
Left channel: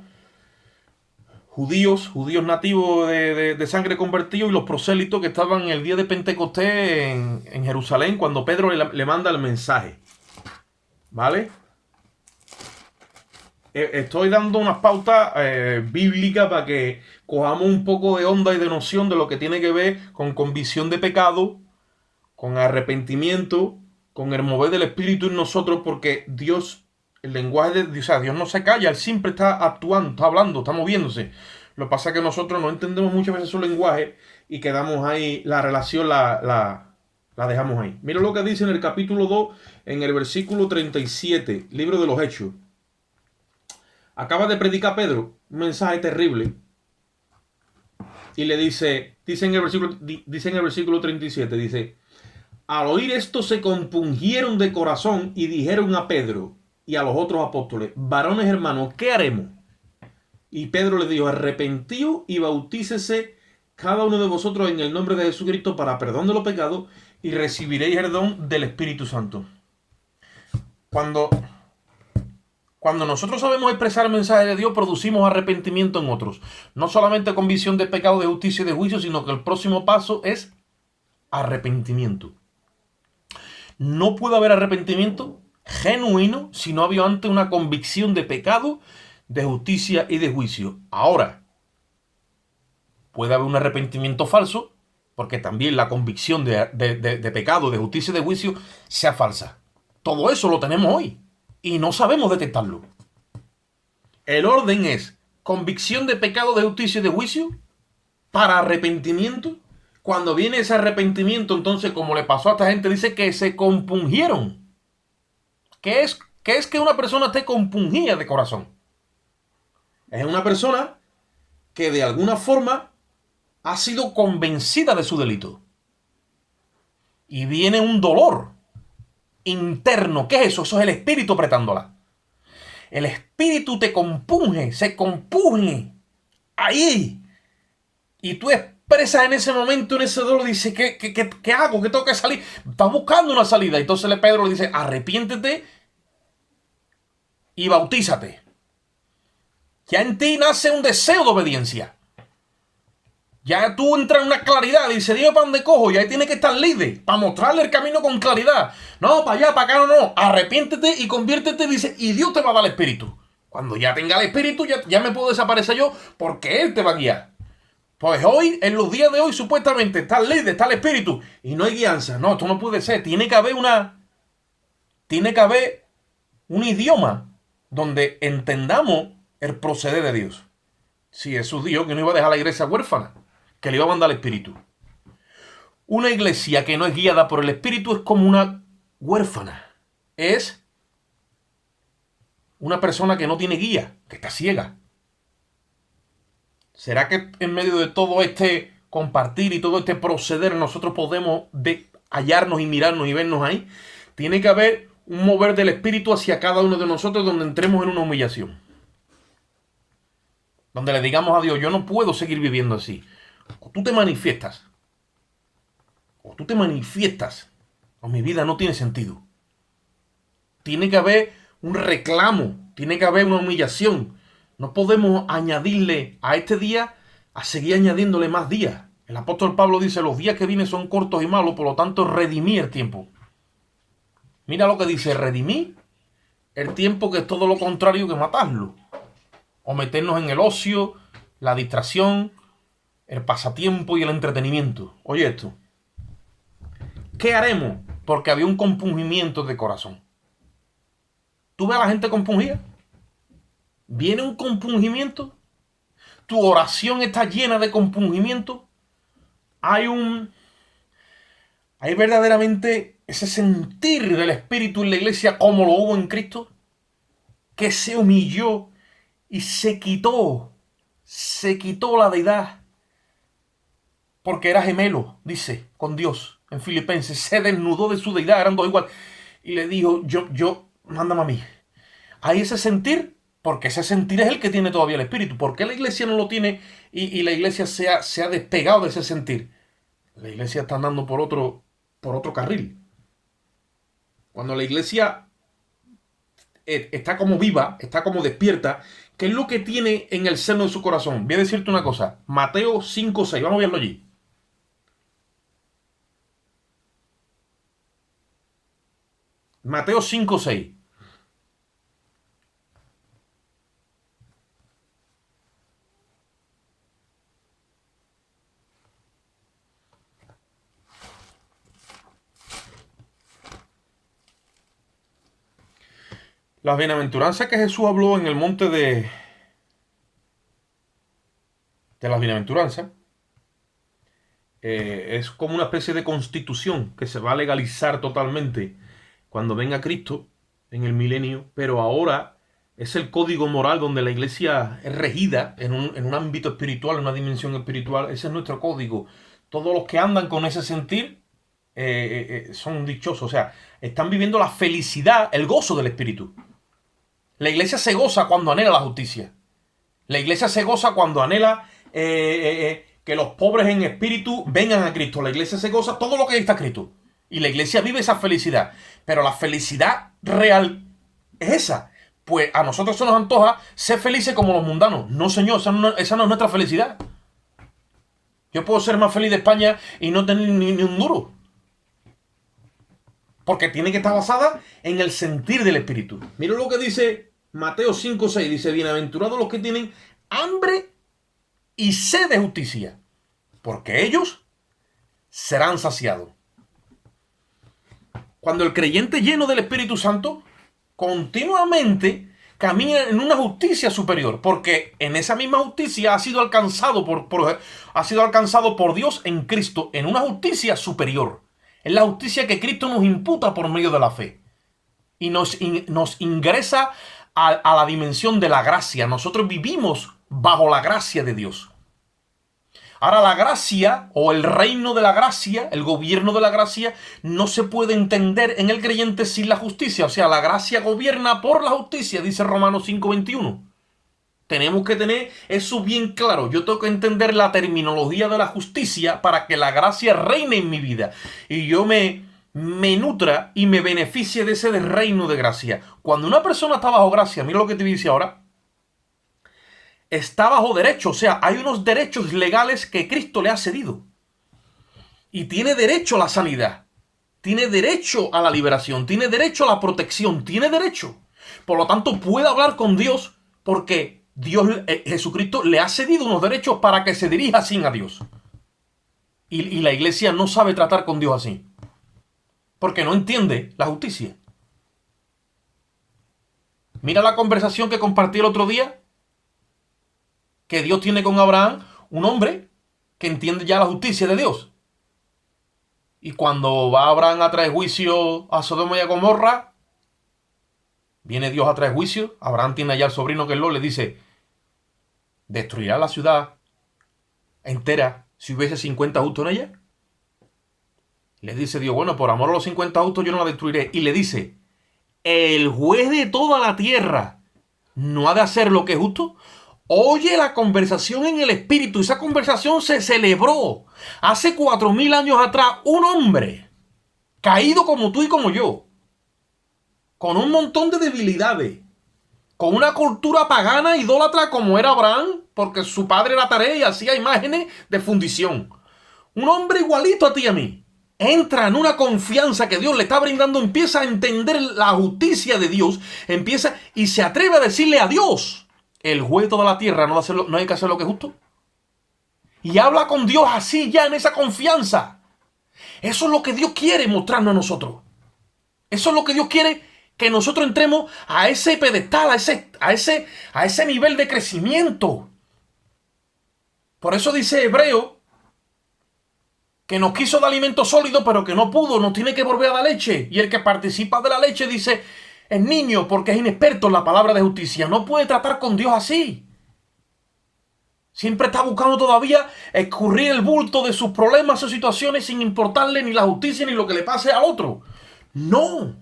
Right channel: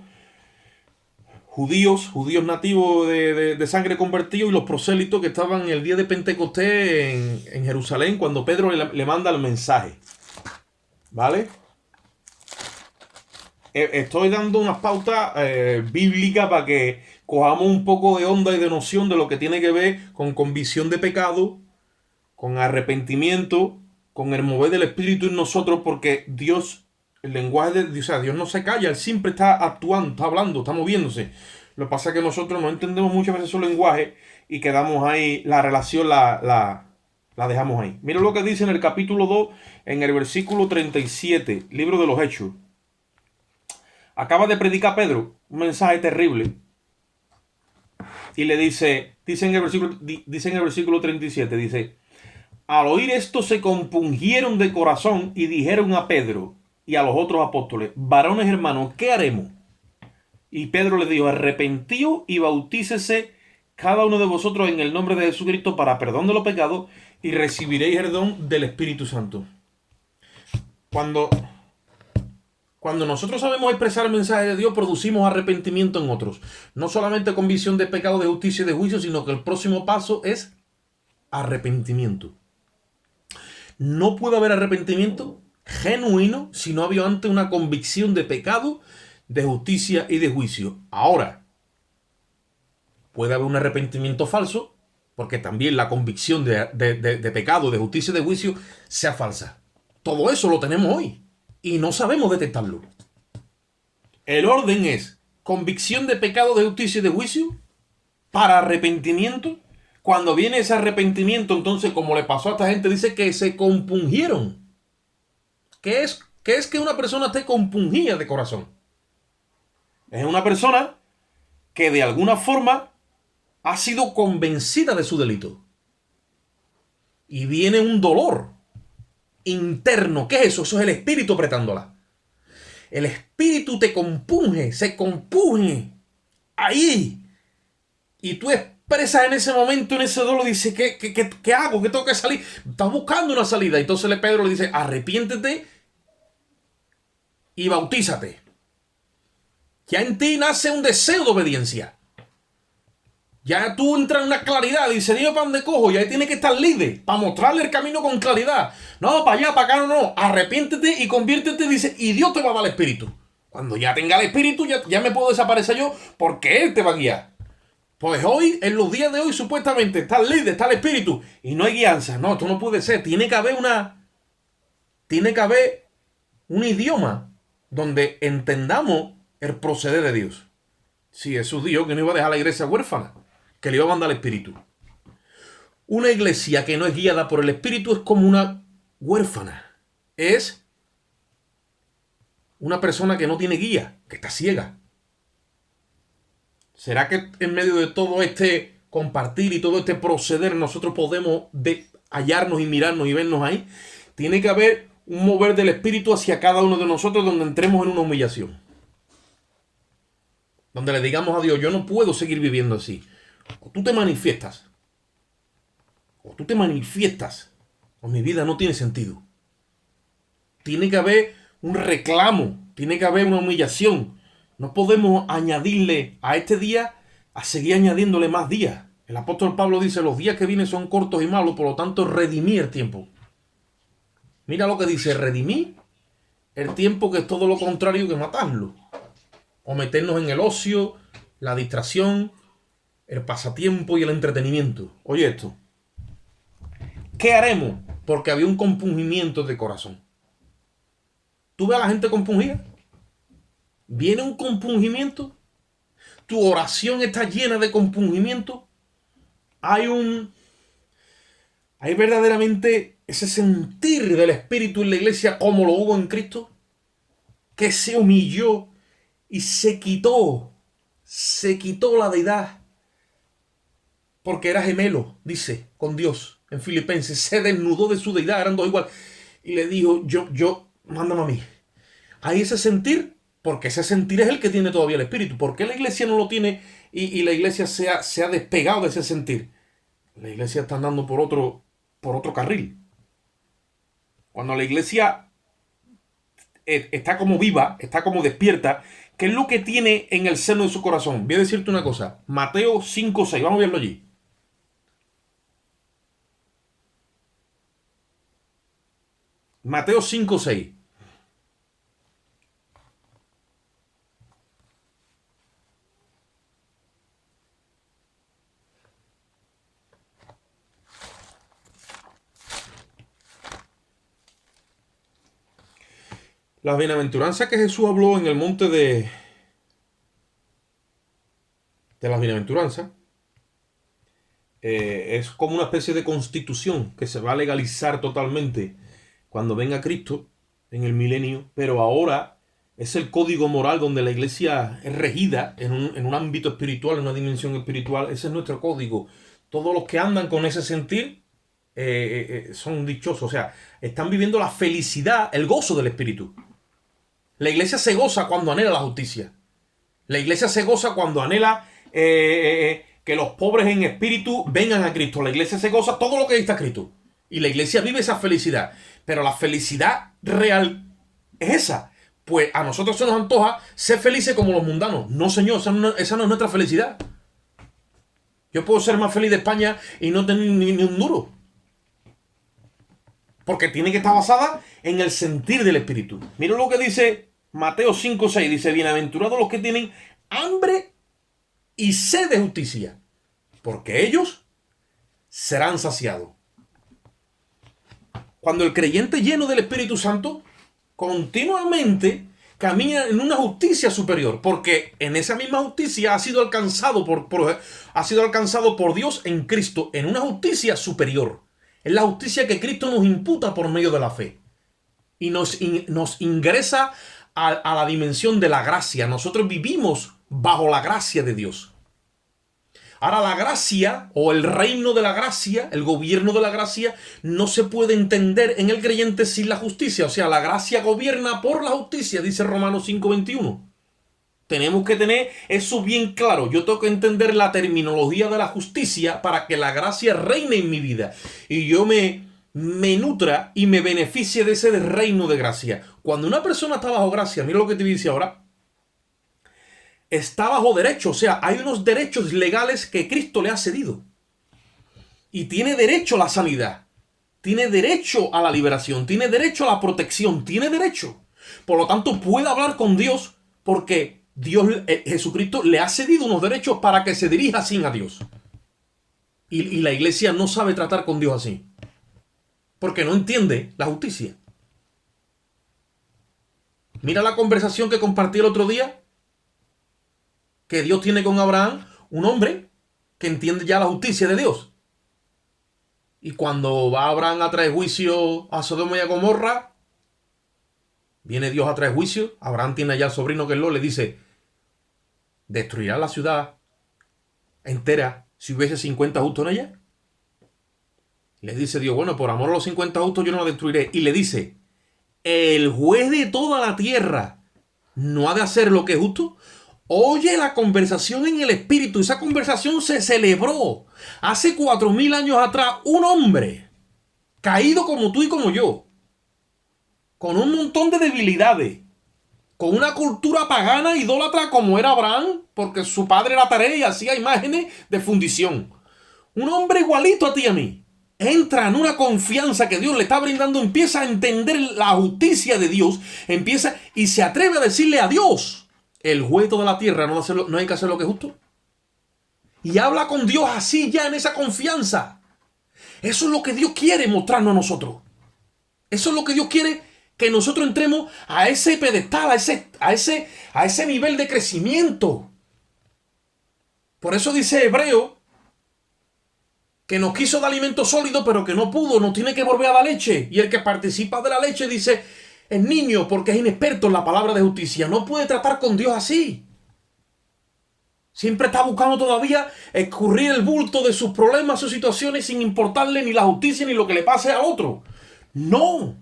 judíos nativos de sangre convertido, y los prosélitos que estaban el día de Pentecostés en Jerusalén cuando Pedro le manda el mensaje. ¿Vale? Estoy dando unas pautas bíblicas para que cojamos un poco de onda y de noción de lo que tiene que ver con convicción de pecado, con arrepentimiento, con el mover del Espíritu en nosotros, porque Dios, el lenguaje de Dios, o sea, Dios no se calla, Él siempre está actuando, está hablando, está moviéndose. Lo que pasa es que nosotros no entendemos muchas veces su lenguaje y quedamos ahí, la relación la dejamos ahí. Mira lo que dice en el capítulo 2, en el versículo 37, libro de los Hechos. Acaba de predicar Pedro un mensaje terrible. Y le dice en el versículo 37, dice, al oír esto se compungieron de corazón y dijeron a Pedro y a los otros apóstoles, varones hermanos, ¿qué haremos? Y Pedro les dijo, arrepentíos y bautícese cada uno de vosotros en el nombre de Jesucristo para perdón de los pecados y recibiréis el don del Espíritu Santo. Cuando nosotros sabemos expresar el mensaje de Dios, producimos arrepentimiento en otros. No solamente convicción de pecado, de justicia y de juicio, sino que el próximo paso es arrepentimiento. No puede haber arrepentimiento genuino si no había antes una convicción de pecado, de justicia y de juicio. Ahora, puede haber un arrepentimiento falso, porque también la convicción de pecado, de justicia y de juicio sea falsa. Todo eso lo tenemos hoy y no sabemos detectarlo. El orden es convicción de pecado, de justicia y de juicio para arrepentimiento. Cuando viene ese arrepentimiento, entonces, como le pasó a esta gente, dice que se compungieron. ¿Qué es que una persona esté compungida de corazón? Es una persona que de alguna forma ha sido convencida de su delito. Y viene un dolor interno. ¿Qué es eso? Eso es el espíritu apretándola. El espíritu te compunge, se compunge ahí. Y tú expresas en ese momento, en ese dolor, dices, ¿qué hago? ¿Qué tengo que salir? Estás buscando una salida. Entonces Pedro le dice, arrepiéntete y bautízate. Ya en ti nace un deseo de obediencia. Ya tú entras en una claridad. Dice, dime para dónde cojo. Y ahí tiene que estar líder para mostrarle el camino con claridad. No, para allá, para acá, no. Arrepiéntete y conviértete, dice, y Dios te va a dar el espíritu. Cuando ya tenga el espíritu, ya me puedo desaparecer yo, porque Él te va a guiar. Pues hoy, en los días de hoy, supuestamente está el líder, está el espíritu, y no hay guianza. No, esto no puede ser. Tiene que haber un idioma donde entendamos el proceder de Dios. Si Jesús dijo que no iba a dejar la iglesia huérfana, que le iba a mandar el espíritu. Una iglesia que no es guiada por el espíritu es como una huérfana. Es una persona que no tiene guía, que está ciega. ¿Será que en medio de todo este compartir y todo este proceder nosotros podemos hallarnos y mirarnos y vernos ahí? Tiene que haber un mover del espíritu hacia cada uno de nosotros donde entremos en una humillación. Donde le digamos a Dios, yo no puedo seguir viviendo así. O tú te manifiestas, o mi vida no tiene sentido. Tiene que haber un reclamo, tiene que haber una humillación. No podemos añadirle a este día, a seguir añadiéndole más días. El apóstol Pablo dice, los días que vienen son cortos y malos, por lo tanto redimí el tiempo. Mira lo que dice, redimí el tiempo, que es todo lo contrario que matarlo. O meternos en el ocio, la distracción, el pasatiempo y el entretenimiento. Oye esto. ¿Qué haremos? Porque había un compungimiento de corazón. ¿Tú ves a la gente compungida? ¿Viene un compungimiento? ¿Tu oración está llena de compungimiento? Hay verdaderamente ese sentir del Espíritu en la iglesia como lo hubo en Cristo, que se humilló y se quitó la deidad, porque era gemelo, dice, con Dios en Filipenses, se desnudó de su deidad, eran dos igual, y le dijo, yo, mándame a mí. Hay ese sentir, porque ese sentir es el que tiene todavía el Espíritu. ¿Por qué la iglesia no lo tiene y la iglesia se ha despegado de ese sentir? La iglesia está andando por otro carril. Cuando la iglesia está como viva, está como despierta, ¿qué es lo que tiene en el seno de su corazón? Voy a decirte una cosa. Mateo 5:6. Vamos a verlo allí. Mateo 5:6. Las bienaventuranzas que Jesús habló en el monte de las bienaventuranzas es como una especie de constitución que se va a legalizar totalmente cuando venga Cristo en el milenio, pero ahora Es el código moral donde la iglesia es regida en un ámbito espiritual, en una dimensión espiritual. Ese es nuestro código. Todos los que andan con ese sentir son dichosos. O sea, están viviendo la felicidad, el gozo del espíritu. La iglesia se goza cuando anhela la justicia. La iglesia se goza cuando anhela que los pobres en espíritu vengan a Cristo. La iglesia se goza todo lo que está escrito. Y la iglesia vive esa felicidad. Pero la felicidad real es esa. Pues a nosotros se nos antoja ser felices como los mundanos. No, señor, esa no es nuestra felicidad. Yo puedo ser más feliz de España y no tener ni un duro. Porque tiene que estar basada en el sentir del espíritu. Mira lo que dice Mateo 5:6. Dice, bienaventurados los que tienen hambre y sed de justicia, porque ellos serán saciados. Cuando el creyente lleno del Espíritu Santo continuamente camina en una justicia superior, porque en esa misma justicia ha sido alcanzado por Dios en Cristo, en una justicia superior. Es la justicia que Cristo nos imputa por medio de la fe. Y nos ingresa a la dimensión de la gracia. Nosotros vivimos bajo la gracia de Dios. Ahora la gracia o el reino de la gracia, el gobierno de la gracia, no se puede entender en el creyente sin la justicia. O sea, la gracia gobierna por la justicia, dice Romanos 5:21. Tenemos que tener eso bien claro. Yo tengo que entender la terminología de la justicia para que la gracia reine en mi vida. Y yo me nutra y me beneficie de ese reino de gracia. Cuando una persona está bajo gracia, mira lo que te dice ahora, está bajo derecho. O sea, hay unos derechos legales que Cristo le ha cedido. Y tiene derecho a la sanidad. Tiene derecho a la liberación. Tiene derecho a la protección. Tiene derecho. Por lo tanto, puede hablar con Dios porque Dios, Jesucristo, le ha cedido unos derechos para que se dirija así a Dios. Y la iglesia no sabe tratar con Dios así. Porque no entiende la justicia. Mira la conversación que compartí el otro día. Que Dios tiene con Abraham, un hombre que entiende ya la justicia de Dios. Y cuando va Abraham a traer juicio a Sodoma y a Gomorra, viene Dios a traer juicio. Abraham tiene allá al sobrino que es Lot, le dice, ¿destruirá la ciudad entera si hubiese 50 justos en ella? Le dice Dios, bueno, por amor a los 50 justos yo no la destruiré. Y le dice, el juez de toda la tierra no ha de hacer lo que es justo. Oye la conversación en el espíritu. Esa conversación se celebró hace 4000 años atrás. Un hombre caído como tú y como yo, con un montón de debilidades, con una cultura pagana, idólatra como era Abraham, porque su padre era taré y hacía imágenes de fundición. Un hombre igualito a ti y a mí. Entra en una confianza que Dios le está brindando, empieza a entender la justicia de Dios, empieza y se atreve a decirle a Dios, el juez de toda la tierra no hay que hacer lo que es justo. Y habla con Dios así ya en esa confianza. Eso es lo que Dios quiere mostrarnos a nosotros. Eso es lo que Dios quiere que nosotros entremos a ese pedestal, a ese nivel de crecimiento. Por eso dice Hebreo que nos quiso dar alimento sólido, pero que no pudo, nos tiene que volver a dar leche. Y el que participa de la leche dice, es niño porque es inexperto en la palabra de justicia. No puede tratar con Dios así. Siempre está buscando todavía escurrir el bulto de sus problemas, sus situaciones, sin importarle ni la justicia ni lo que le pase al otro. No.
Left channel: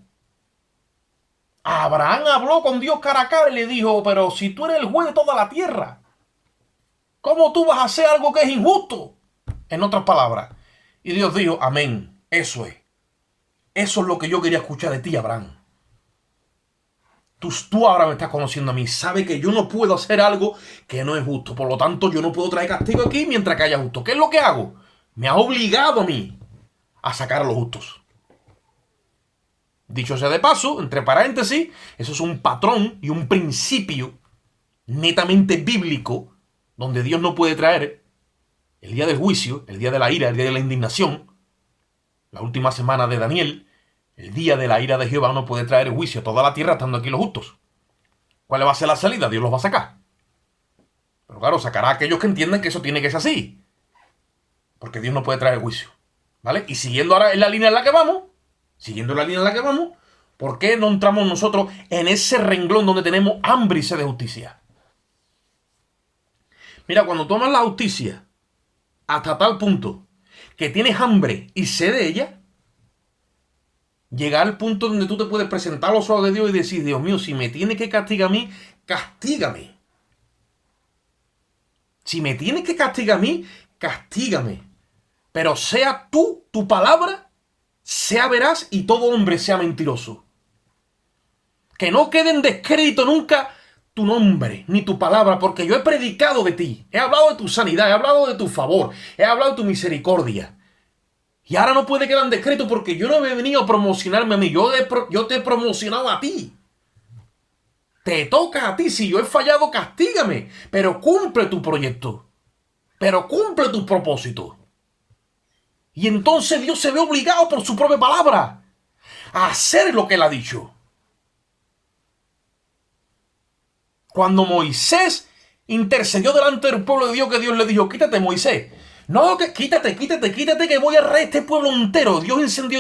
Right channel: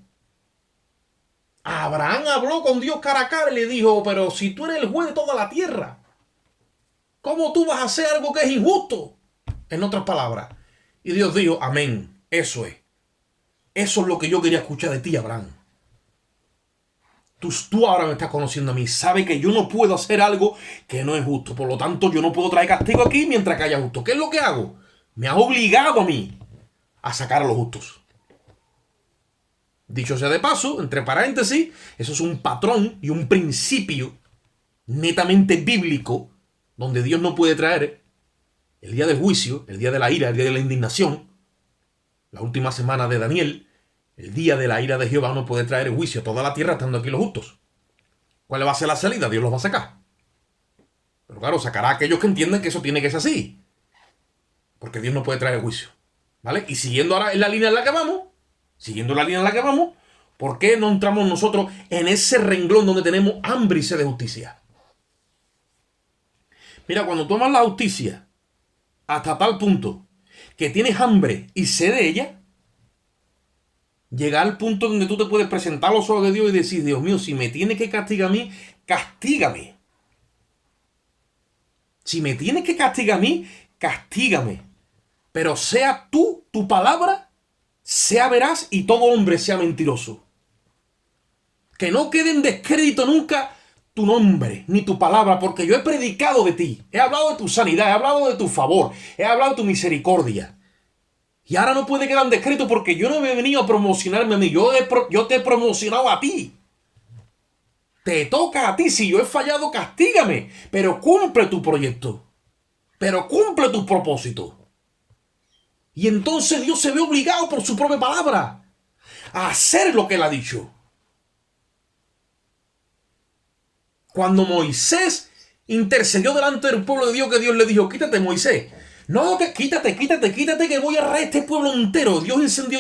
Abraham habló con Dios cara a cara y le dijo, pero si tú eres el juez de toda la tierra, ¿cómo tú vas a hacer algo que es injusto? En otras palabras. Y Dios dijo, amén, eso es. Eso es lo que yo quería escuchar de ti, Abraham. Tú ahora me estás conociendo a mí. Sabe que yo no puedo hacer algo que no es justo. Por lo tanto, yo no puedo traer castigo aquí mientras que haya justo. ¿Qué es lo que hago? Me has obligado a mí a sacar a los justos. Dicho sea de paso, entre paréntesis, eso es un patrón y un principio netamente bíblico donde Dios no puede traer el día del juicio, el día de la ira, el día de la indignación, la última semana de Daniel, el día de la ira de Jehová no puede traer el juicio a toda la tierra estando aquí los justos. ¿Cuál va a ser la salida? Dios los va a sacar. Pero claro, sacará a aquellos que entienden que eso tiene que ser así. Porque Dios no puede traer el juicio. ¿Vale? Y siguiendo ahora en la línea en la que vamos, ¿Por qué no entramos nosotros en ese renglón donde tenemos hambre y sed de justicia? Mira, cuando tú amas la justicia hasta tal punto que tienes hambre y sed de ella, llega al punto donde tú te puedes presentar a los ojos de Dios y decir, Dios mío, si me tienes que castigar a mí, castígame. Si me tienes que castigar a mí, castígame. Pero sea tú, tu palabra, sea veraz y todo hombre sea mentiroso. Que no quede en descrédito nunca tu nombre ni tu palabra, porque yo he predicado de ti. He hablado de tu sanidad, he hablado de tu favor, he hablado de tu misericordia. Y ahora no puede quedar en descrédito porque yo no he venido a promocionarme a mí. Yo te he promocionado a ti. Te toca a ti. Si yo he fallado, castígame. Pero cumple tu proyecto. Pero cumple tu propósito. Y entonces Dios se ve obligado por su propia palabra a hacer lo que Él ha dicho. Cuando Moisés intercedió delante del pueblo de Dios, que Dios le dijo, quítate, Moisés. No, que quítate, que voy a raer este pueblo entero. Dios encendió.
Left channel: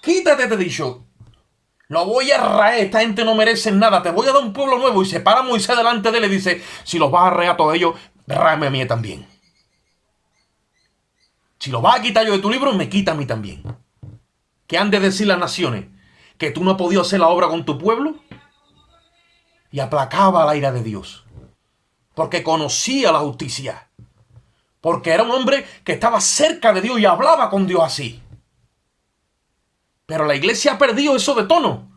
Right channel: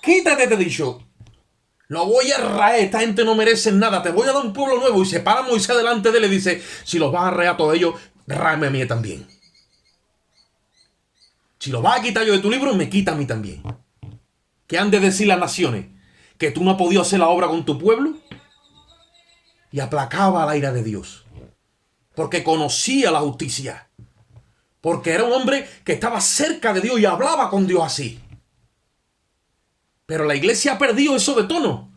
Quítate, te he dicho. Lo voy a raer, esta gente no merece nada. Te voy a dar un pueblo nuevo. Y se para Moisés delante de él y dice, si los vas a raer a todos ellos, ráeme a mí también. Si lo vas a quitar yo de tu libro, me quita a mí también. ¿Qué han de decir las naciones? ¿Que tú no has podido hacer la obra con tu pueblo? Y aplacaba la ira de Dios. Porque conocía la justicia. Porque era un hombre que estaba cerca de Dios y hablaba con Dios así. Pero la iglesia ha perdido eso de tono.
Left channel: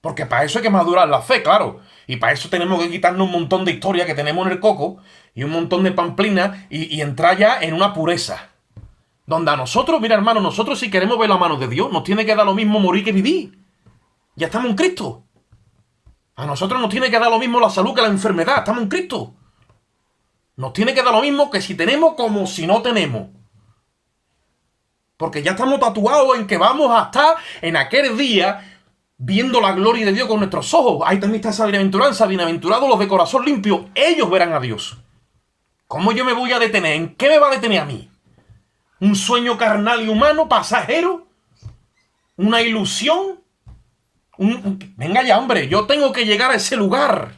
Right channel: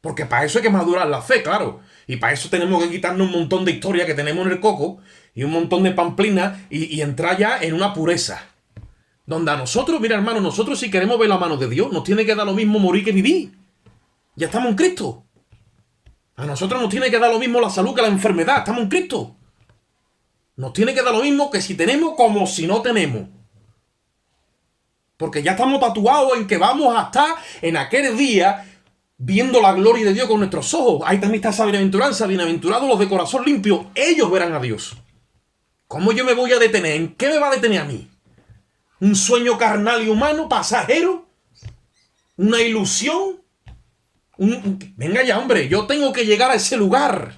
Porque para eso hay que madurar la fe, claro. Y para eso tenemos que quitarnos un montón de historia que tenemos en el coco y un montón de pamplinas y entrar ya en una pureza. Donde a nosotros, mira hermano, nosotros si queremos ver la mano de Dios, nos tiene que dar lo mismo morir que vivir. Ya estamos en Cristo. A nosotros nos tiene que dar lo mismo la salud que la enfermedad. Estamos en Cristo. Nos tiene que dar lo mismo que si tenemos como si no tenemos. Porque ya estamos tatuados en que vamos a estar en aquel día viendo la gloria de Dios con nuestros ojos. Ahí también está esa bienaventuranza. Bienaventurados los de corazón limpio. Ellos verán a Dios. ¿Cómo yo me voy a detener? ¿En qué me va a detener a mí? ¿Un sueño carnal y humano, pasajero? ¿Una ilusión? Venga ya, hombre. Yo tengo que llegar a ese lugar.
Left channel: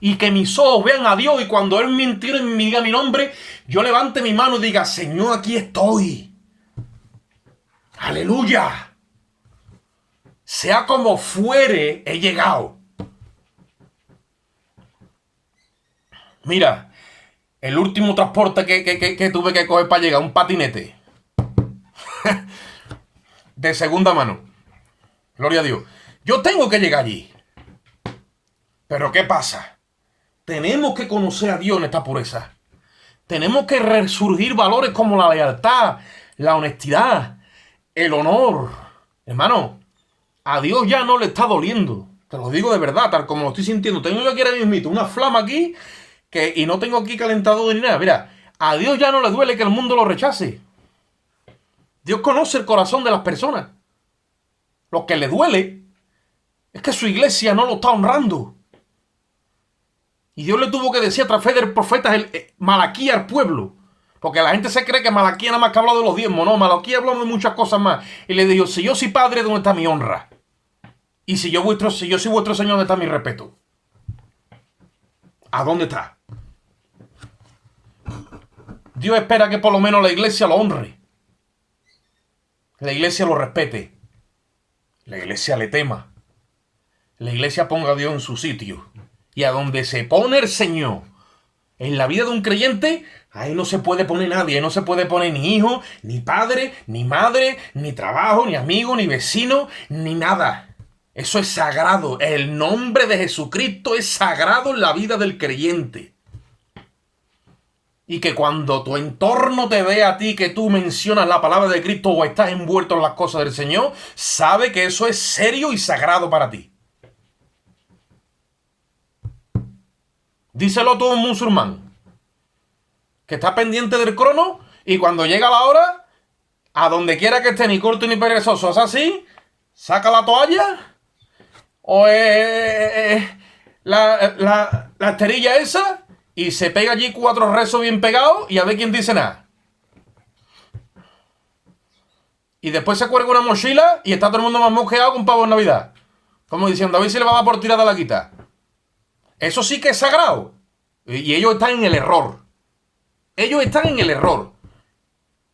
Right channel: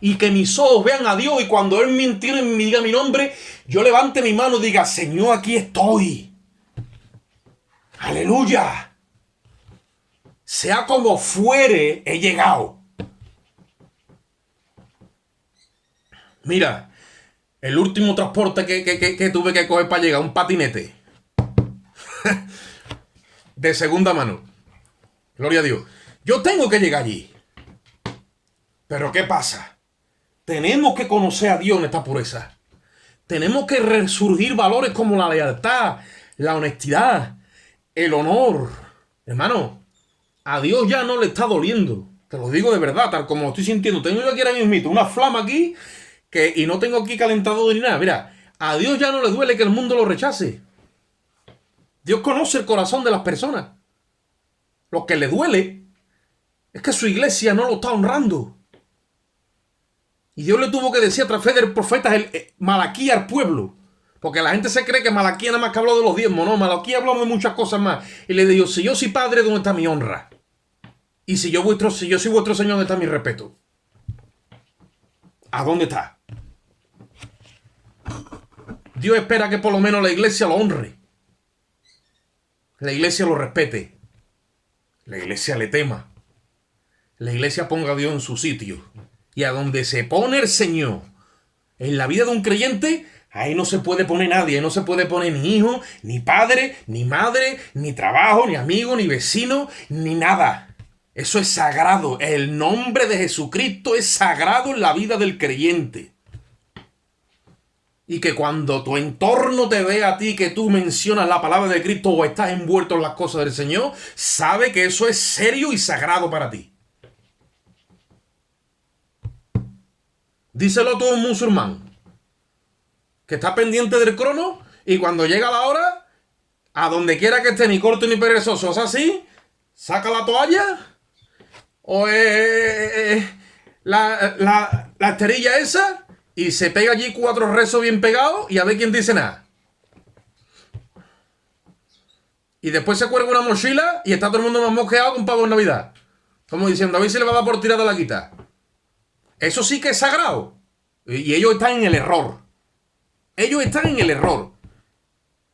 Y que mis ojos vean a Dios. Y cuando Él me entienda y me diga mi nombre, yo levante mi mano y diga, Señor, aquí estoy. Aleluya. Sea como fuere, he llegado. Mira, el último transporte que tuve que coger para llegar, un patinete. De segunda mano. Gloria a Dios. Yo tengo que llegar allí. Pero ¿qué pasa? Tenemos que conocer a Dios en esta pureza. Tenemos que resurgir valores como la lealtad, la honestidad, el honor. Hermano, a Dios ya no le está doliendo. Te lo digo de verdad, tal como lo estoy sintiendo. Tengo yo aquí ahora mismo una flama aquí y no tengo aquí calentador ni nada. Mira, a Dios ya no le duele que el mundo lo rechace. Dios conoce el corazón de las personas. Lo que le duele es que su iglesia no lo está honrando. Y Dios le tuvo que decir a través del profeta Malaquías al pueblo. Porque la gente se cree que Malaquías nada más que habló de los diezmos. No, Malaquías habló de muchas cosas más. Y le dijo, si yo soy padre, ¿dónde está mi honra? Y si yo soy vuestro Señor, ¿dónde está mi respeto? ¿A dónde está? Dios espera que por lo menos la iglesia lo honre. La iglesia lo respete. La iglesia le tema. La iglesia ponga a Dios en su sitio. Y a donde se pone el Señor en la vida de un creyente, ahí no se puede poner nadie. Ahí no se puede poner ni hijo, ni padre, ni madre, ni trabajo, ni amigo, ni vecino, ni nada. Eso es sagrado. El nombre de Jesucristo es sagrado en la vida del creyente. Y que cuando tu entorno te vea a ti que tú mencionas la palabra de Cristo o estás envuelto en las cosas del Señor, sabe que eso es serio y sagrado para ti. Díselo todo un musulmán que está pendiente del crono y cuando llega la hora, a donde quiera que esté, ni corto ni perezoso, es así, saca la toalla o la esterilla esa y se pega allí 4 rezos bien pegados y a ver quién dice nada. Y después se cuelga una mochila y está todo el mundo más mosqueado con pavo en Navidad. Como diciendo, a ver si le va a dar por tirar de la quita. Eso sí que es sagrado. Y ellos están en el error. Ellos están en el error.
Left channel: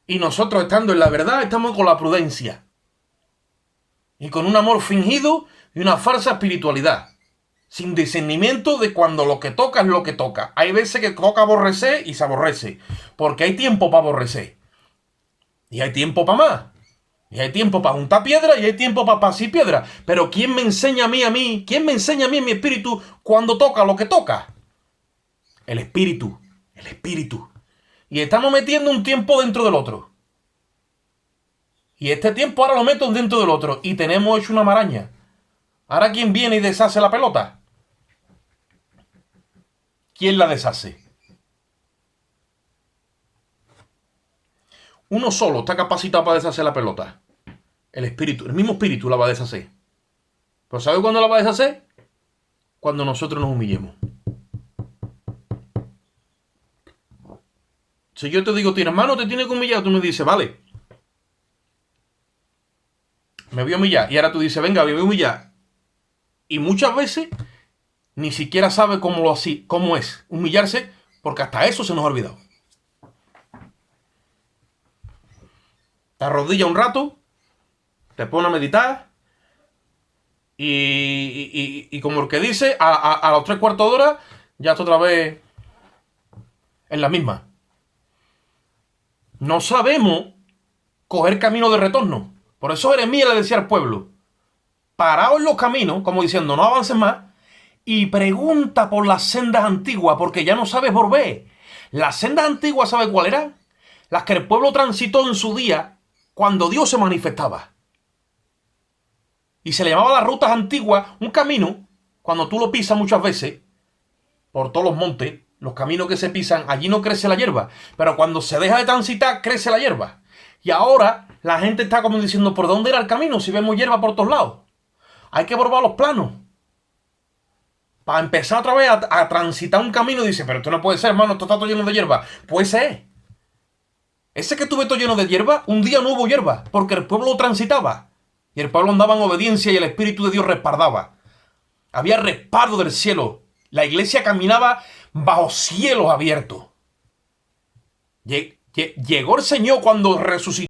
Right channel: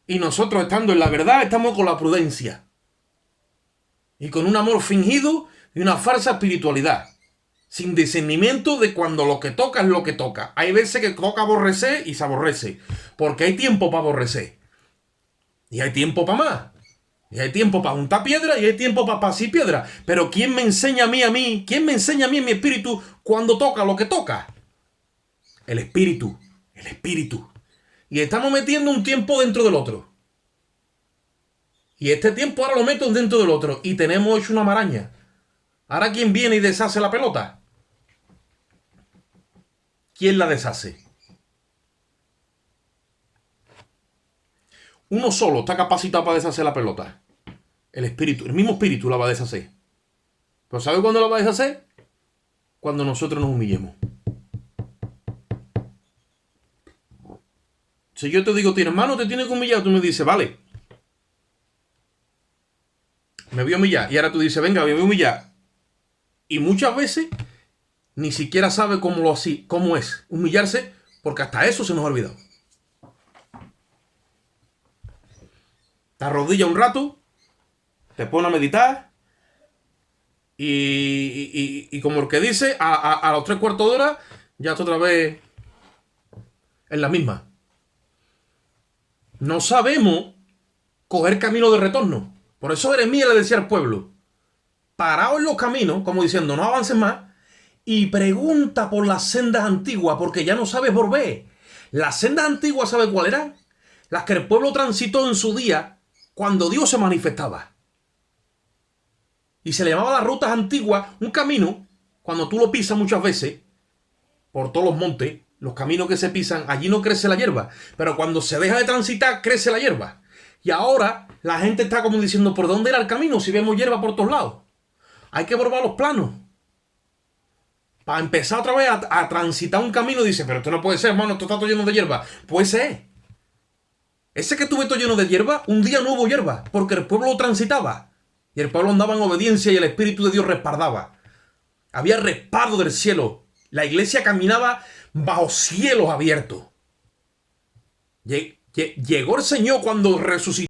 Y nosotros, estando en la verdad, estamos con la prudencia. Y con un amor fingido y una falsa espiritualidad. Sin discernimiento de cuando lo que toca es lo que toca. Hay veces que toca aborrecer y se aborrece. Porque hay tiempo para aborrecer. Y hay tiempo para más. Y hay tiempo para juntar piedra y hay tiempo para pasar piedra. Pero ¿quién me enseña a mí? ¿Quién me enseña a mí en mi espíritu cuando toca lo que toca? El espíritu. El espíritu. Y estamos metiendo un tiempo dentro del otro. Y este tiempo ahora lo meto dentro del otro. Y tenemos hecho una maraña. Ahora ¿quién viene y deshace la pelota? ¿Quién la deshace? Uno solo está capacitado para deshacer la pelota. El espíritu, el mismo espíritu la va a deshacer. ¿Pero sabe cuándo la va a deshacer? Cuando nosotros nos humillemos. Si yo te digo, tira hermano, te tiene que humillar, tú me dices, vale. Me voy a humillar. Y ahora tú dices, venga, me voy a humillar. Y muchas veces ni siquiera sabe cómo es humillarse, porque hasta eso se nos ha olvidado. Te arrodillas un rato, te pones a meditar y como el que dice, a los 3/4 de hora ya está otra vez en la misma. No sabemos coger camino de retorno. Por eso Jeremías le decía al pueblo, paraos en los caminos, como diciendo, no avancen más, y pregunta por las sendas antiguas, porque ya no sabes volver. Las sendas antiguas, ¿sabes cuáles eran? Las que el pueblo transitó en su día, cuando Dios se manifestaba. Y se le llamaba las rutas antiguas, un camino, cuando tú lo pisas muchas veces, por todos los montes, los caminos que se pisan, allí no crece la hierba. Pero cuando se deja de transitar, crece la hierba. Y ahora la gente está como diciendo, ¿por dónde era el camino si vemos hierba por todos lados? Hay que volver a los planos. Para empezar otra vez a transitar un camino, dice, pero esto no puede ser, hermano, esto está todo lleno de hierba. Puede ser. Ese que tuve todo lleno de hierba, un día no hubo hierba, porque el pueblo lo transitaba. Y el pueblo andaba en obediencia y el Espíritu de Dios respaldaba. Había respaldo del cielo. La iglesia caminaba bajo cielos abiertos. Llegó el Señor cuando resucitó.